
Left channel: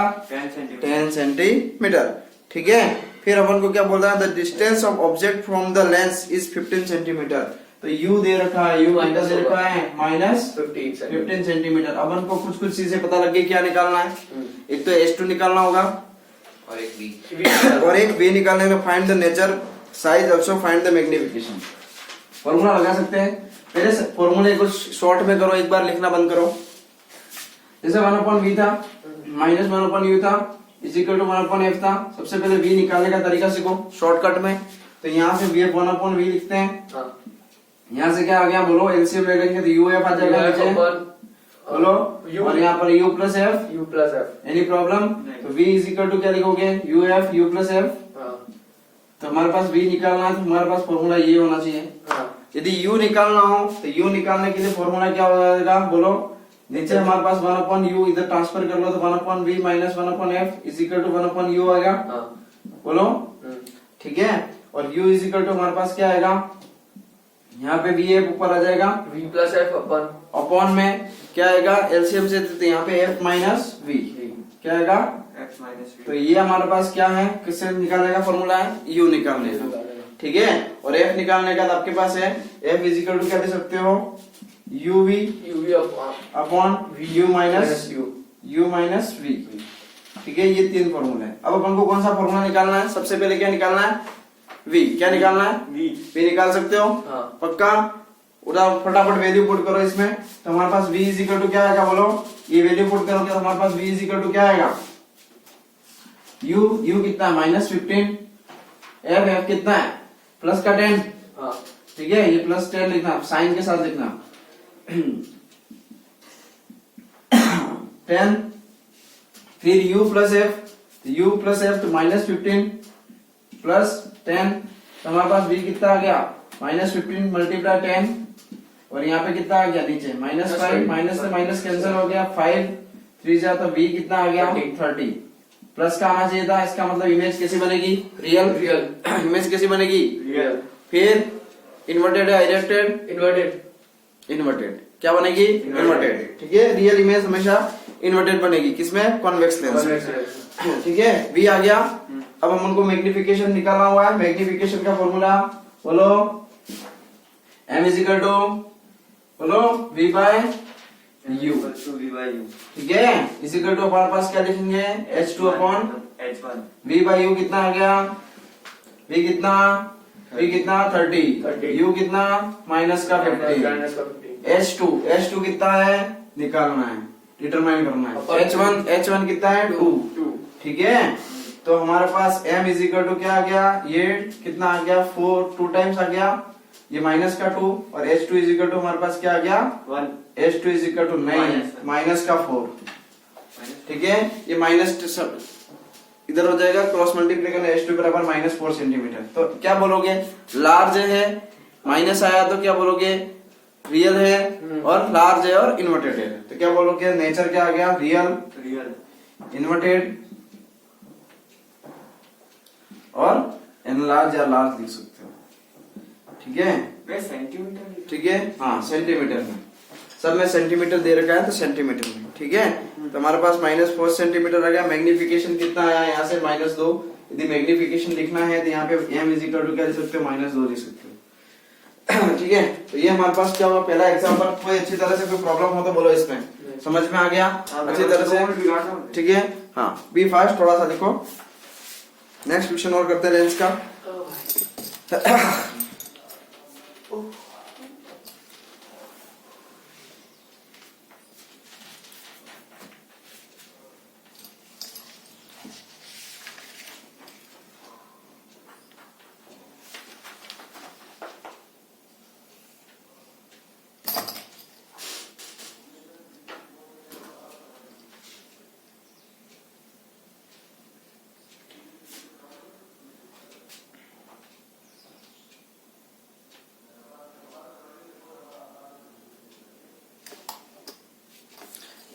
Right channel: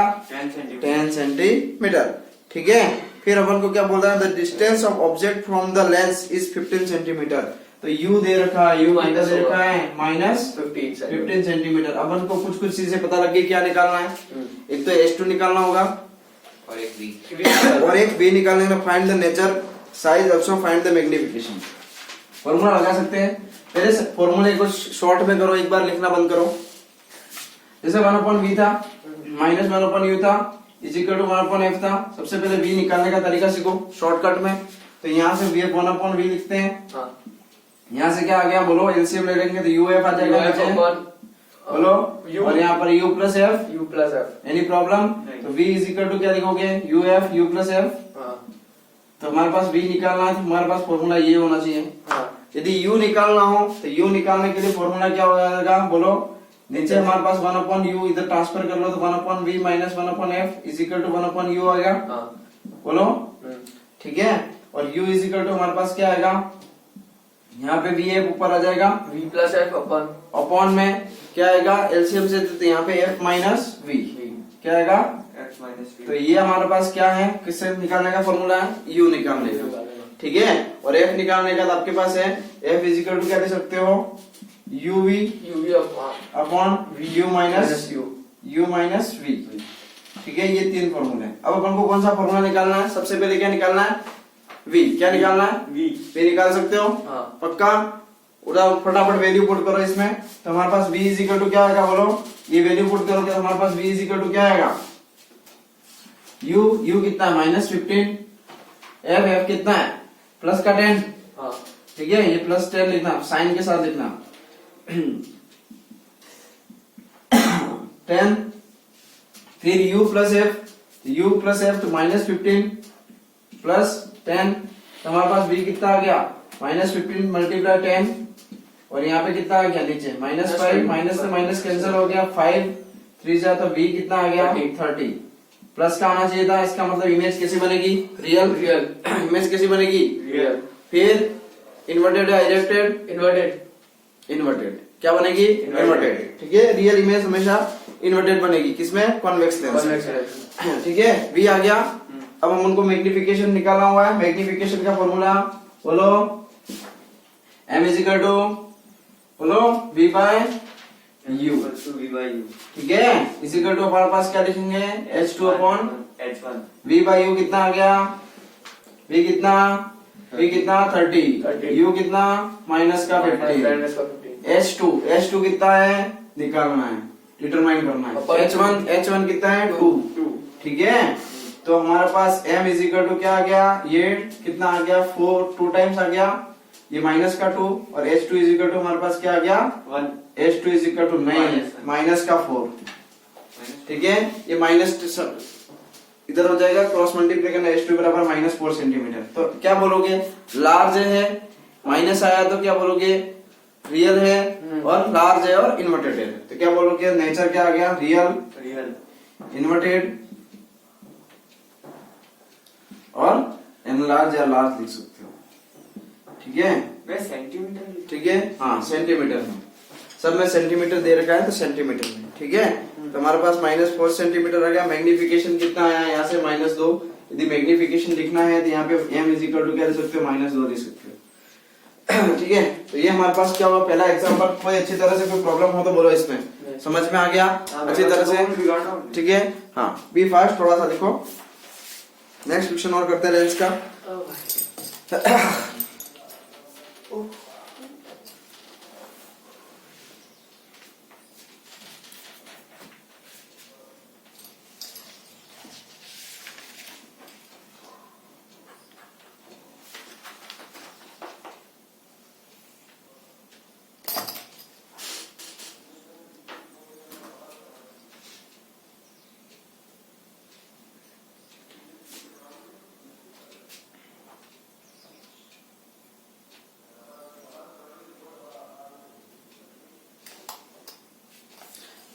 10 सेंटीमीटर। ठीक है, फिर अपन को क्या बोल रहा है, the distance of object from the lens is 15 centimetre. तो यू दे रखा है, यू कितना दे रखा है, -15 सेंटीमीटर। अपन को कुछ चीजें पता लग गई, क्या निकालना है, एक तो H2 निकालना होगा और एक V निकालने का, find the nature size also find the magnification. Formula लगा सकते हैं, पहले फॉर्मूले को शॉर्ट में करो, एक बार लिखना बंद करो। जैसे 1/V था, -1/U था, इज इक्वल टू 1/F था। सबसे पहले V निकालने का तरीका सीखो शॉर्टकट में। तो यहाँ से 1/V लिखते हैं, यहाँ से क्या आ गया, बोलो एलसीएम ले लेंगे तो UF आ जाएगा नीचे, बोलो, और यहाँ पर U plus F, any problem. तो V इज इक्वल टू क्या लिखोगे, UF U प्लस F। तो हमारे पास V निकालना है, तो हमारे पास फॉर्मूला ये होना चाहिए। यदि U निकालना हो तो U निकालने के लिए फॉर्मूला क्या हो जाएगा, बोलो, नीचे हमारे पास 1/U, इधर ट्रांसफर कर लो तो 1/V minus 1/F is equal to 1/U आएगा। बोलो, ठीक है, और U इज इक्वल टू हमारे पास क्या आएगा, यहाँ पे VF ऊपर आ जाएगा, V प्लस F अपॉन में क्या आएगा, एलसीएम से, तो यहाँ पे F माइनस V क्या आएगा, तो ये हमारे पास क्या है, किससे निकालने का फॉर्मूला है, U निकालने का। ठीक है, और F निकालने का आपके पास है, F इजिकल टू क्या दे सकते हो, UV upon U minus V। ठीक है, ये 3 फॉर्मूले हैं। अब अपन को कौन सा फॉर्मूला निकालना है, सबसे पहले क्या निकालना है, V। क्या निकालना है, V निकाल सकते हो। पक्का, उधर फटाफट वैल्यू पुट करो इसमें, तो हमारे पास V इजिकल टू क्या आएगा, बोलो, ये वैल्यू पुट करोगे तो हमारे पास V इजिकल टू क्या आएगा, U कितना है, -15, F कितना है, प्लस का 10। ठीक है, ये प्लस 10 लिखना, साइन के साथ लिखना 10, फिर U प्लस F तो -15 प्लस 10, तो हमारे पास V कितना आ गया, -15 मल्टीप्लाई 10, और यहाँ पे कितना आ गया नीचे -5, माइनस से माइनस कैंसिल हो गया, 5 3 जा, तो V कितना आ गया 30, प्लस का आना चाहिए था। इसका मतलब इमेज कैसी बनेगी, रियल इमेज कैसी बनेगी, रियल। फिर इन्वर्टेड है, डायरेक्टेड, इन्वर्टेड क्या बनेगी, इन्वर्टेड। ठीक है, रियल इमेज हमेशा इन्वर्टेड बनेगी, किसमें, कॉन्वेक्स लेंस। ठीक है, V आ गया। अब हम उनको मैग्निफिकेशन निकालना हुआ है, मैग्निफिकेशन का फॉर्मूला बोलो, M इजिकल टू, बोलो, V बाय U। ठीक है, इजिकल टू हमारे पास क्या लिखेंगे, H2 upon H1। V bye U कितना आ गया, V कितना 30, U कितना माइनस का 50, H2 कितना है, निकालना है, डिटरमाइन करना है। H1 कितना है, 2। ठीक है, तो हमारे पास M इजिकल टू क्या आ गया, ये कितना आ गया, 4, 2 टाइम्स आ गया, ये माइनस का 2, और H2 इजिकल टू हमारे पास क्या आ गया, 1। H2 इजिकल टू 9 माइनस का 4। ठीक है, ये माइनस इधर हो जाएगा, क्रॉस मल्टीप्लाई करना, H2 बराबर -4 सेंटीमीटर। तो क्या बोलोगे, लार्ज है, माइनस आया तो क्या बोलोगे, रियल है, और लार्ज है और इन्वर्टेड है, तो क्या बोलोगे, नेचर क्या आ गया, रियल, इन्वर्टेड, और एनलार्ज या लार्ज लिख सकते हो। ठीक है, मैं सेंटीमीटर ठीक है, हाँ सेंटीमीटर में, सब में सेंटीमीटर दे रखा है तो सेंटीमीटर में। ठीक है, तो हमारे पास -4 सेंटीमीटर आ गया। मैग्निफिकेशन कितना आया यहाँ से -2। यदि मैग्निफिकेशन लिखना है तो यहाँ पे m इजिकल टू क्या दे सकते हो, -2 दे सकते हो। ठीक है, तो ये हमारे पास क्या हुआ पहला एग्जाम्पल। कोई अच्छी तरह से कोई प्रॉब्लम हो तो बोलो, इसमें समझ में आ गया अच्छी तरह से। ठीक है, हाँ B5 थोड़ा सा देखो। नेक्स्ट क्वेश्चन और करते हैं लेंस का।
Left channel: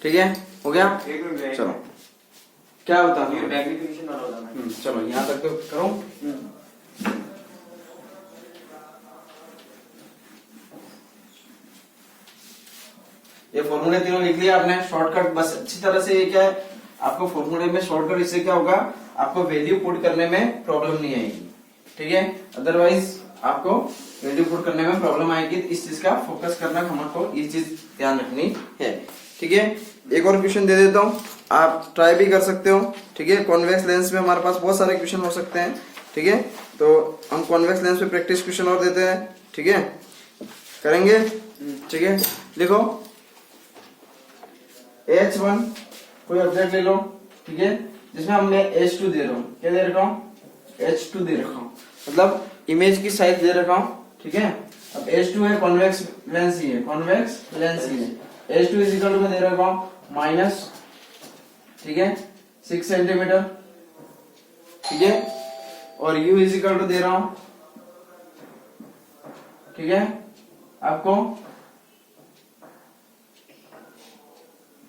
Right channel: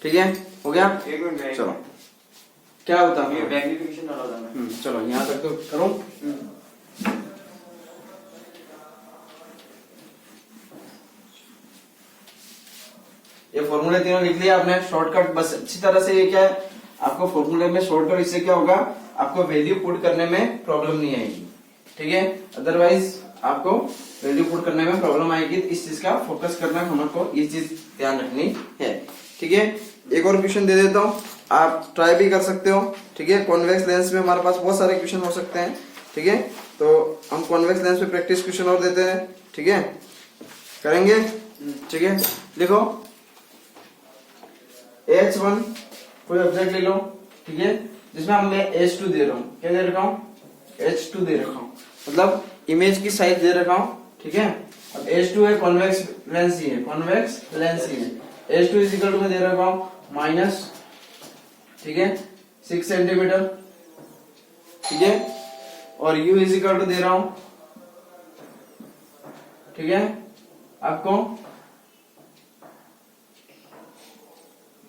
ठीक है, हो गया। एक मिनट, चलो क्या होता है, मैग्निफिकेशन वाला बताना। चलो यहाँ तक तो करो। ये फॉर्मूले तीनों लिख लिया आपने, शॉर्टकट बस अच्छी तरह से। ये क्या है, आपको फॉर्मूले में शॉर्टकट, इससे क्या होगा, आपको वैल्यू पुट करने में प्रॉब्लम नहीं आएगी। ठीक है, अदरवाइज आपको वैल्यू पुट करने में प्रॉब्लम आएगी। तो इस चीज का फोकस करना, हमको ये चीज ध्यान रखनी है। ठीक है, एक और क्वेश्चन दे देता हूँ, आप ट्राई भी कर सकते हो। ठीक है, कॉन्वेक्स लेंस में हमारे पास बहुत सारे क्वेश्चन हो सकते हैं। ठीक है, तो हम कॉन्वेक्स लेंस में प्रैक्टिस क्वेश्चन और देते हैं। ठीक है, करेंगे। ठीक है, देखो H1 कोई ऑब्जेक्ट ले लो। ठीक है, जिसमें हम मैं H2 दे रहा हूँ। क्या दे रखा हूँ, H2 दे रखा हूँ, मतलब इमेज की साइज दे रखा हूँ। ठीक है, अब H2 है, कॉन्वेक्स लेंस ही है, कॉन्वेक्स लेंस ही है। H2 इजिकल टू में दे रखा हूँ माइनस, ठीक है 6 सेंटीमीटर। ठीक है, और U इजिकल टू दे रहा हूं, ठीक है आपको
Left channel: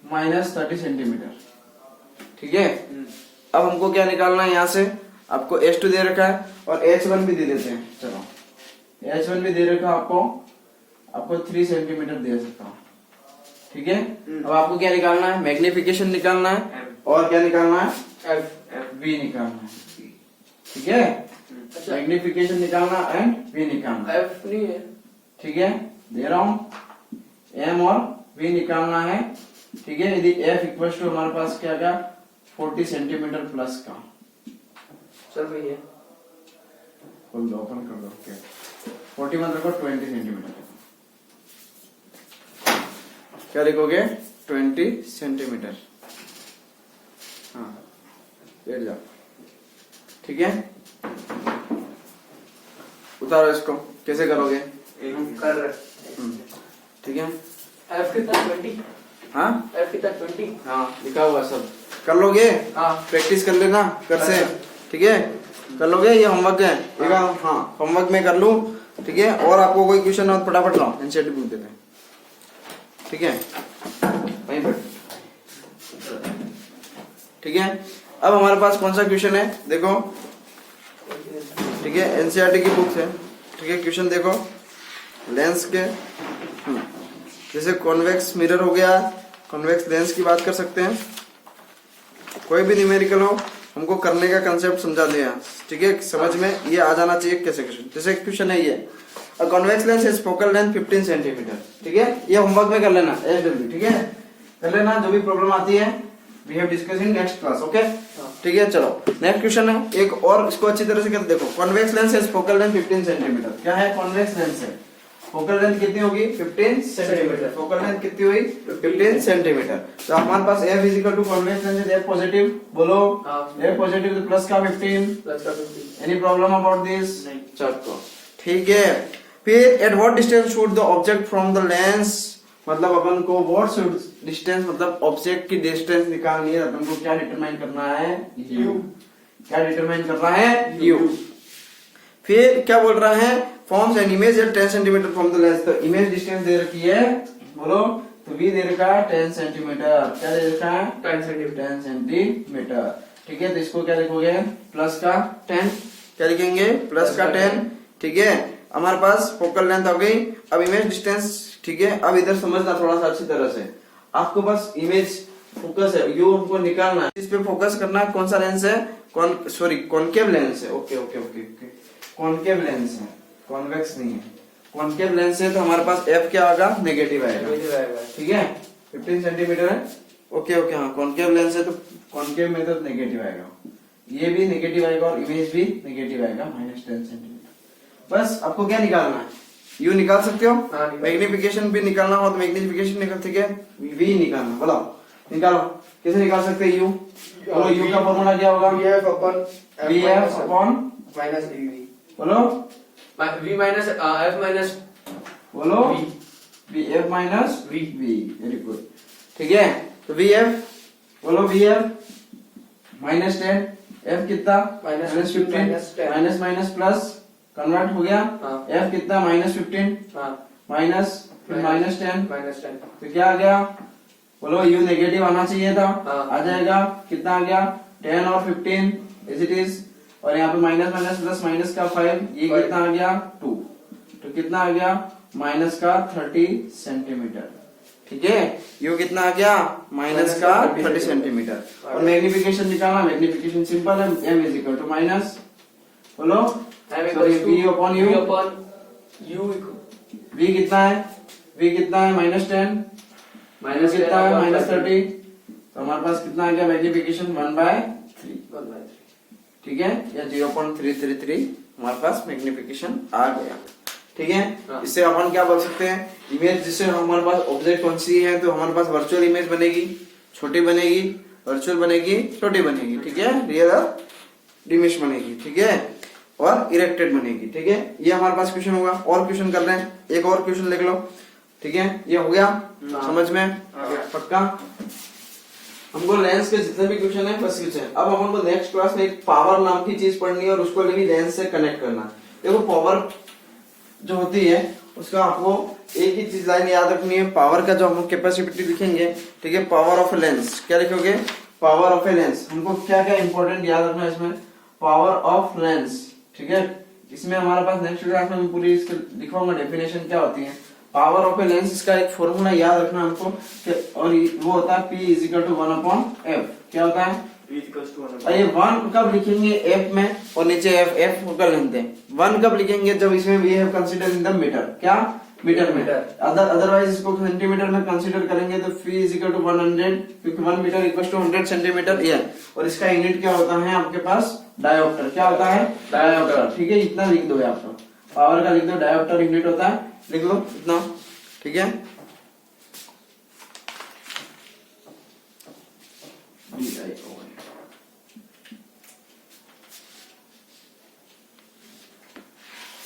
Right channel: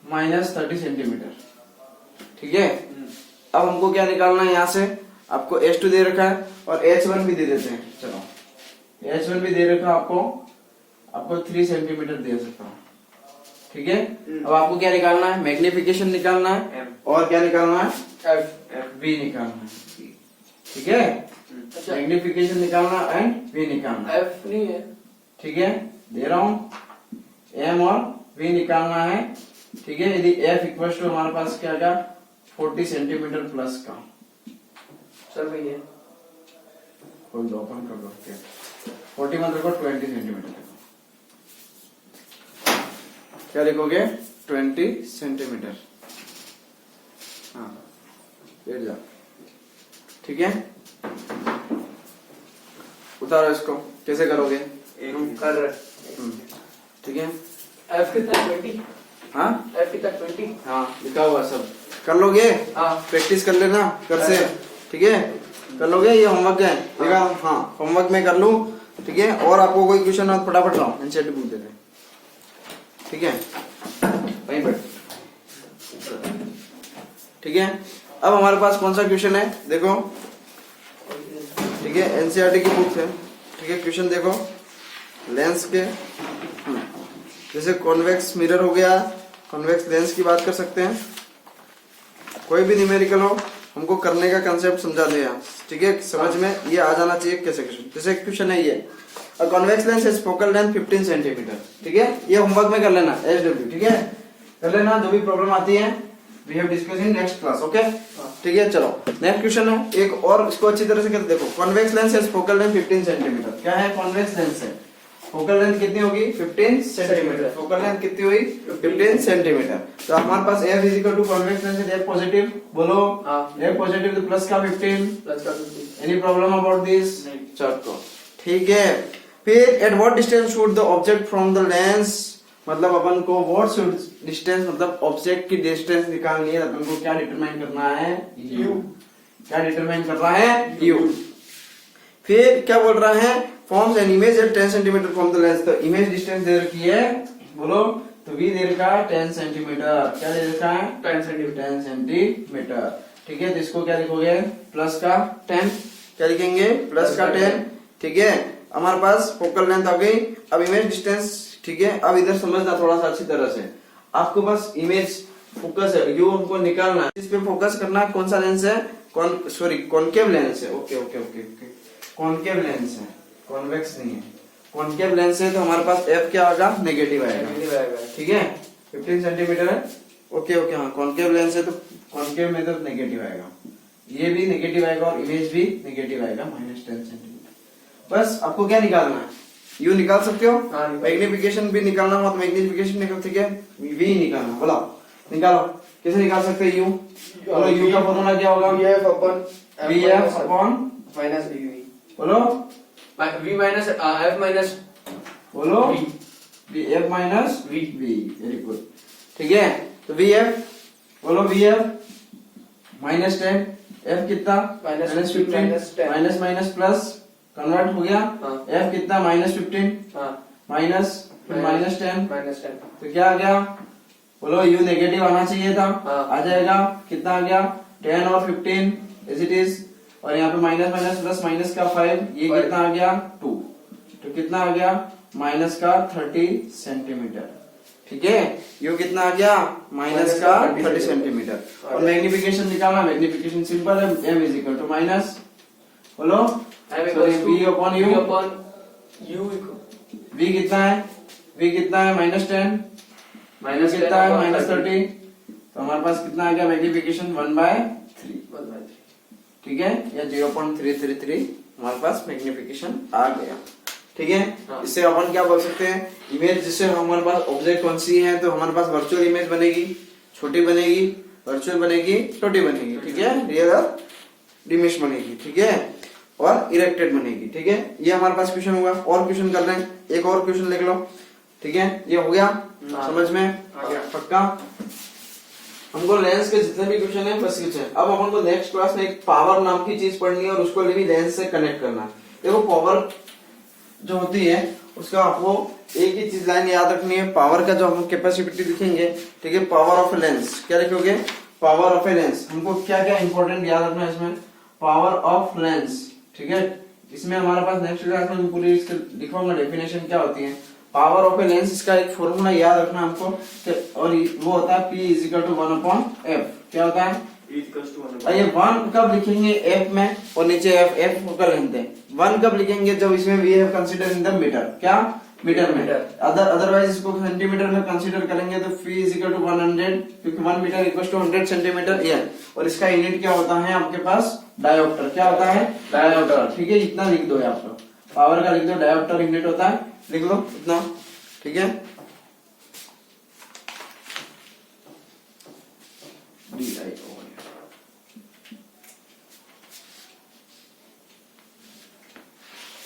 -30 सेंटीमीटर। ठीक है, अब हमको क्या निकालना है, यहां से आपको H2 दे रखा है और H1 भी दे देते हैं। चलो H1 भी दे रखा है आपको 3 सेंटीमीटर दे सकता हूं। ठीक है, अब आपको क्या निकालना है, मैग्निफिकेशन निकालना है और क्या निकालना है, V निकालना है। ठीक है, मैग्निफिकेशन निकालना एंड V निकालना, F नहीं है। ठीक है, दे रहा हूं M और V निकालना है। ठीक है, यदि F इक्वल टू हमारे पास क्या आएगा 40 सेंटीमीटर प्लस का। सर भैया खोल दो, ओपन कर दो। 40 मतलब 20 सेंटीमीटर। क्या लिखोगे, 20 सेंटीमीटर। हाँ, बैठ जा। ठीक है, उतारो इसको, कैसे करोगे, कर रहे। ठीक है, F कितना 20? हाँ F कितना 20? हाँ लिखा हुआ सब कर लोगे। हाँ, प्रैक्टिस कर लेना कर से। ठीक है, कर लोगे, ये होमवर्क है। हाँ, होमवर्क में कर लूं। ठीक है, और आपको कोई क्वेश्चन हो तो फटाफट लाओ, एनसीईआरटी बुक देते हैं। ठीक है, वहीं पर। ठीक है, अब हमारे पास कौन सा क्वेश्चन है, देखो। ठीक है, एनसीईआरटी की बुक है। ठीक है, क्वेश्चन देखो, लेंस के जैसे कॉन्वेक्स मिरर हो गया, कॉन्वेक्स लेंस की बात कर सकते हैं। कोई भी न्यूमेरिकल हो, हमको करने का कंसेप्ट समझा दिया। ठीक है, समझ में ये आ जाना चाहिए कैसे क्वेश्चन। जैसे क्वेश्चन है ये, convex lens is focal length 15 centimetre. ठीक है, ये होमवर्क में कर लेना, SW। ठीक है, कर लेना, जो भी प्रॉब्लम आती है we have discuss in next class. Okay, ठीक है, चलो नेक्स्ट क्वेश्चन है एक और, इसको अच्छी तरह से कर देखो। Convex lens is focal length 15 centimetre. क्या है, कॉन्वेक्स लेंस है, फोकल लेंथ कितनी होगी 15 सेंटीमीटर। फोकल लेंथ कितनी हुई 15 सेंटीमीटर। तो हमारे पास F equal to convex lens is F positive, बोलो F पॉजिटिव तो प्लस का 15, प्लस का 15। एनी प्रॉब्लम अबाउट दिस, नहीं। चलो ठीक है। फिर at what distance should the object from the lens, मतलब अपन को व्हाट शुड डिस्टेंस, मतलब ऑब्जेक्ट की डिस्टेंस निकालनी है। अपन को क्या डिटरमाइन करना है, U। क्या डिटरमाइन करना है, U। फिर क्या बोल रहा है, forms an image at 10 centimetre from the lens. तो इमेज डिस्टेंस दे रखी है, बोलो तो V दे रखा है 10 सेंटीमीटर। क्या दे रखा है, 10 सेंटीमीटर। 10 सेंटीमीटर। ठीक है, तो इसको क्या लिखोगे, प्लस का 10 क्या लिखेंगे प्लस का 10, ठीक है। हमारे पास फोकल लेंथ आ गई। अब इमेज डिस्टेंस, ठीक है। अब इधर समझना थोड़ा सा अच्छी तरह से, आपको बस इमेज फोकस है, यू हमको निकालना है, इस पे फोकस करना है। कौन सा लेंस है, कॉनकेव लेंस है। Okay okay okay okay, concave lens है, कॉन्वेक्स नहीं है। कॉनकेव लेंस है तो हमारे पास एफ क्या आएगा, नेगेटिव आएगा, ठीक है। 15 सेंटीमीटर है, ओके ओके। हाँ, कॉनकेव लेंस है तो कॉनकेव में तो नेगेटिव आएगा, ये भी नेगेटिव आएगा और इमेज भी नेगेटिव आएगा, -10 सेंटीमीटर। बस आपको क्या निकालना है, यू निकाल सकते हो, मैग्निफिकेशन भी निकालना हो तो मैग्निफिकेशन निकाल, ठीक है। वी निकालना, बोलो निकालो, कैसे निकाल सकते हैं यू, बोलो यू का फॉर्मूला क्या होगा, v f upon minus v, बोलो वी माइनस एफ माइनस, बोलो v f minus v, very good, ठीक है। तो वी एफ, बोलो वी एफ -10, एफ कितना -15, माइनस माइनस प्लस कन्वर्ट हो गया, एफ कितना -15, माइनस फिर -10, तो क्या आ गया, बोलो यू नेगेटिव आना चाहिए था, आ जाएगा, कितना आ गया 10 और 15 एज इट इज, और यहाँ पे माइनस माइनस प्लस माइनस का 5, ये कितना आ गया 2, तो कितना आ गया माइनस का 30 सेंटीमीटर, ठीक है। यू कितना आ गया माइनस का 30 सेंटीमीटर। और मैग्निफिकेशन निकालना, मैग्निफिकेशन सिंपल है, m is equal to minus, बोलो वी अपॉन यू, वी कितना है, वी कितना है -10, माइनस कितना है -30, तो हमारे पास कितना आ गया मैग्निफिकेशन 1/3, ठीक है, या 0.333 हमारे पास मैग्निफिकेशन आ गया, ठीक है। इससे अपन क्या बोल सकते हैं, इमेज जिससे हमारे पास ऑब्जेक्ट कौन सी है, तो हमारे पास वर्चुअल इमेज बनेगी, छोटी बनेगी, वर्चुअल बनेगी, छोटी बनेगी, ठीक है, रियल इमेज बनेगी, ठीक है, और इरेक्टेड बनेगी, ठीक है। ये हमारे पास क्वेश्चन होगा। और क्वेश्चन कर रहे हैं, एक और क्वेश्चन लिख लो, ठीक है। ये हो गया समझ में, पक्का। हमको लेंस के जितने भी क्वेश्चन है बस कुछ है। अब अपन को नेक्स्ट क्लास में एक पावर नाम की चीज पढ़नी है और उसको भी लेंस से कनेक्ट करना है। देखो पावर जो होती है उसका आपको एक ही चीज लाइन याद रखनी है, पावर का जो हम कैपेसिटी लिखेंगे, ठीक है, पावर ऑफ लेंस, क्या लिखोगे, पावर ऑफ ए लेंस। हमको क्या क्या इंपॉर्टेंट याद रखना है इसमें, पावर ऑफ लेंस, ठीक है। इसमें हमारे पास नेक्स्ट क्लास में पूरी इसके लिखूंगा डेफिनेशन क्या होती है। पावर ऑफ ए लेंस, इसका एक फॉर्मूला याद रखना हमको, और वो होता है P = 1/f। क्या होता है, ये 1 कब लिखेंगे एफ में, और नीचे एफ फोकल लेंथ है। 1 कब लिखेंगे, जब इसमें we have consider in the metre, क्या मीटर में, अदरवाइज इसको सेंटीमीटर में कंसीडर करेंगे तो P = 100, क्योंकि 1 मीटर = 100 सेंटीमीटर ये। और इसका यूनिट क्या होता है आपके पास, डायोप्टर। क्या होता है, डायोप्टर, ठीक है। इतना लिख दो आप, पावर का लिख दो, डायोप्टर यूनिट होता है, लिख लो इतना, ठीक है।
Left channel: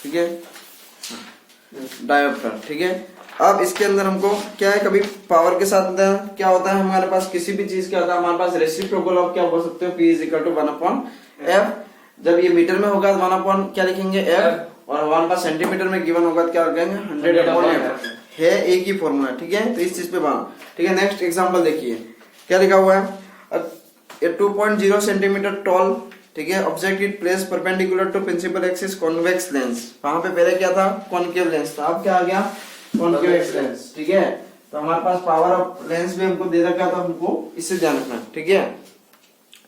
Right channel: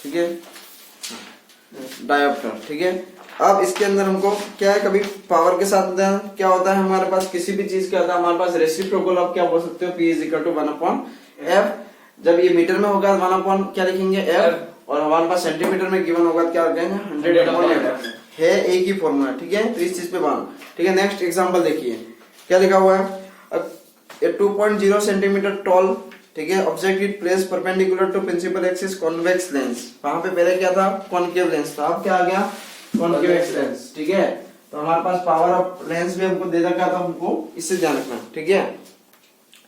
ठीक है, डायोप्टर, ठीक है। अब इसके अंदर हमको क्या है, कभी पावर के साथ क्या होता है हमारे पास, किसी भी चीज का होता है हमारे पास रेसिप्रोकल ऑफ, क्या बोल सकते हो, P = 1/f। जब ये मीटर में होगा 1/, क्या लिखेंगे f, और हमारे पास सेंटीमीटर में गिवन होगा क्या रखेंगे 100 है, एक ही फॉर्मूला, ठीक है। तो इस चीज पे बना, ठीक है। नेक्स्ट एग्जांपल देखिए, क्या लिखा हुआ है, 2.0 सेंटीमीटर टॉल, ठीक है, object it place perpendicular to principal axis convex lens. वहां पे पहले क्या था, कॉनकेव लेंस था, अब क्या आ गया, कॉन्वेक्स लेंस, ठीक है। तो हमारे पास पावर ऑफ लेंस भी हमको दे रखा था, हमको इससे ध्यान रखना, ठीक है।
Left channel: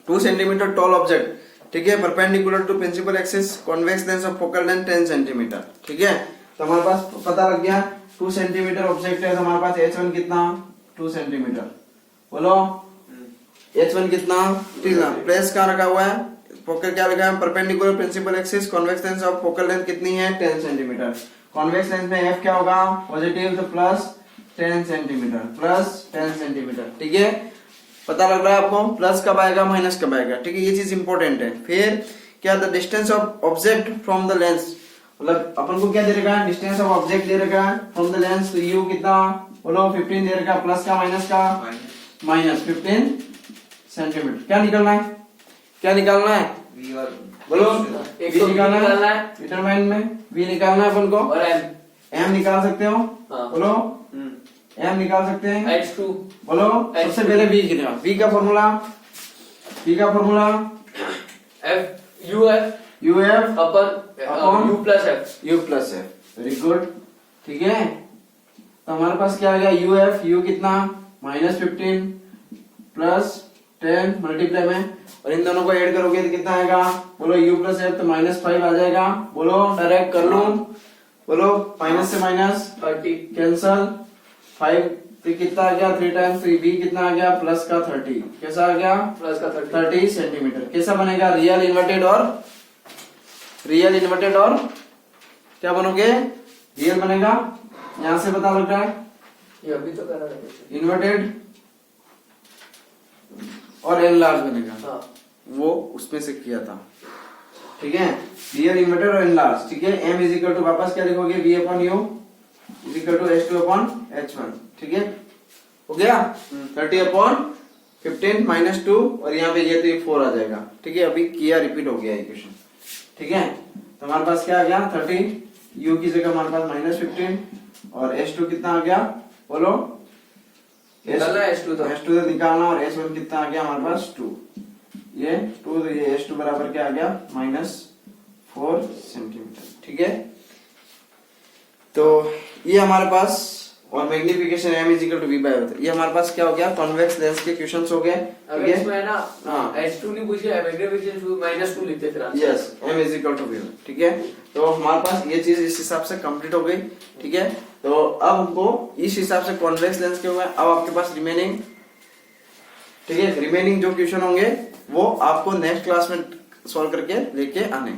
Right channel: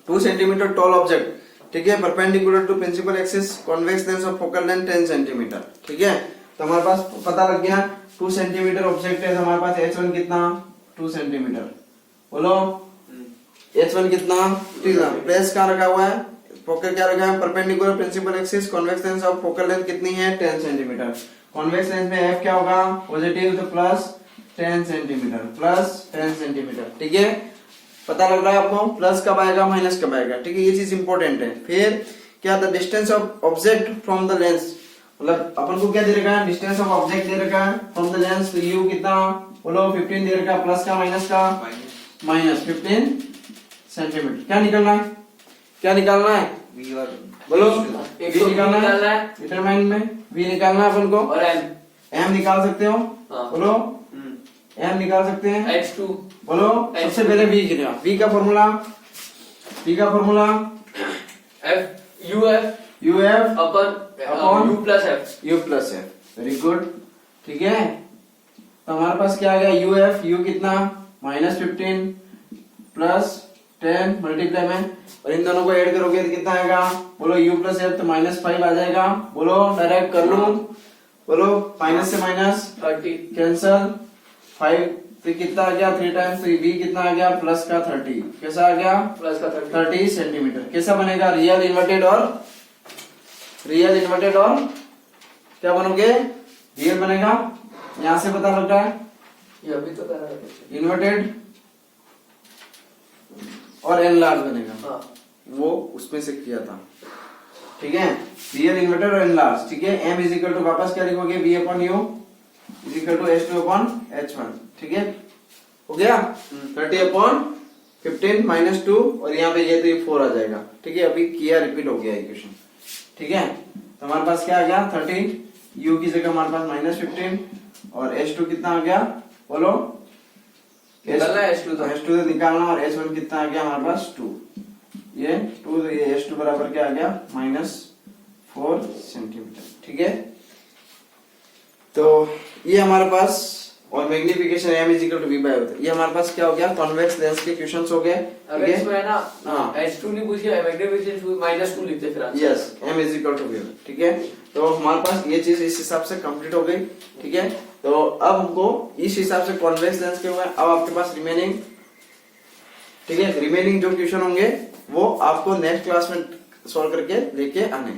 2 सेंटीमीटर टॉल ऑब्जेक्ट, ठीक है, perpendicular to principal axis convex lens of focal length 10 centimetre, ठीक है। तो हमारे पास पता लग गया 2 सेंटीमीटर ऑब्जेक्ट है, तो हमारे पास H1 कितना, 2 सेंटीमीटर, बोलो H1 कितना, प्लेस कहाँ रखा हुआ है, फोकल क्या रखा है, perpendicular principal axis convex lens of focal length कितनी है, 10 सेंटीमीटर। कॉन्वेक्स लेंस में F क्या होगा, पॉजिटिव, तो प्लस 10 सेंटीमीटर, ठीक है। पता लग रहा है आपको, प्लस कब आएगा, माइनस कब आएगा, ठीक है। ये चीज इंपॉर्टेंट है। फिर क्या, the distance of object from the lens, मतलब अपन को क्या दे रखा है, डिस्टेंस ऑफ ऑब्जेक्ट दे रखा है फ्रॉम द लेंस, तो यू कितना, बोलो 15 दे रखा है, प्लस का माइनस का, -15 सेंटीमीटर। क्या निकलना है, क्या निकालना है, बोलो वी निकालना है, डिटरमाइन में वी निकालना है अपन को, और एम निकाल सकते हो, बोलो एम निकाल सकते हैं, H2, बोलो सबसे पहले वी कितना, वी का formula, F U F U F upon you plus F. You plus F, very good. ठीक है, तो हमारे पास क्या आ गया, यू एफ, यू कितना -15 प्लस 10 मल्टीप्लाई में, और इन दोनों को ऐड करोगे तो कितना आएगा, बोलो यू प्लस एफ, तो -5 आ जाएगा। बोलो डायरेक्ट कर लूं, बोलो माइनस से माइनस 30 कैंसल, 5 तो कितना आ गया 3 टाइम्स, तो बी कितना आ गया प्लस का 30, कैसा आ गया प्लस का 30 सेंटीमीटर। कैसा बनेगा, रियल इन्वर्टेड और क्या बनोगे, रियल बनेगा। यहां से पता लग रहा है ये अभी तो कर रहा है। इन्वर्टेड और एल लार्ज बनेगा, हाँ वो उसमें से किया था। ठीक है, रियल इन्वर्टेड और एल लार्ज। ठीक है, एम इज इक्वल टू वापस क्या लिखोगे, b upon u is equal to H2 upon H1। ठीक है, हो गया 30 अपॉन 15 -2, और यहाँ पे ये तो ये 4 आ जाएगा। ठीक है, अभी किया रिपीट हो गया इक्वेशन। ठीक है, तो हमारे पास क्या आ गया 30, u की जगह हमारे पास -15, और H2 कितना आ गया, बोलो निकालना है H2 तो। H2 तो निकालना, और H1 कितना आ गया हमारे पास 2, ये 2, तो ये H2 बराबर क्या आ गया -4 सेंटीमीटर। ठीक है, तो ये हमारे पास, और magnification m is equal to v by होता है। ये हमारे पास क्या हो गया, कॉन्वेक्स लेंस के क्वेश्चंस हो गए। अगर इसमें है ना हाँ। H2 नहीं पूछ गया, मैग्निफिकेशन -2 लिखते फिर answer. Yes, m is equal to v। ठीक है, तो हमारे पास ये चीज इस हिसाब से कंप्लीट हो गई। ठीक है, तो अब हमको इस हिसाब से कॉन्वेक्स लेंस के हुए, अब आपके पास रिमेनिंग, ठीक है, रिमेनिंग जो क्वेश्चन होंगे वो आपको नेक्स्ट क्लास में सॉल्व करके लेके आने।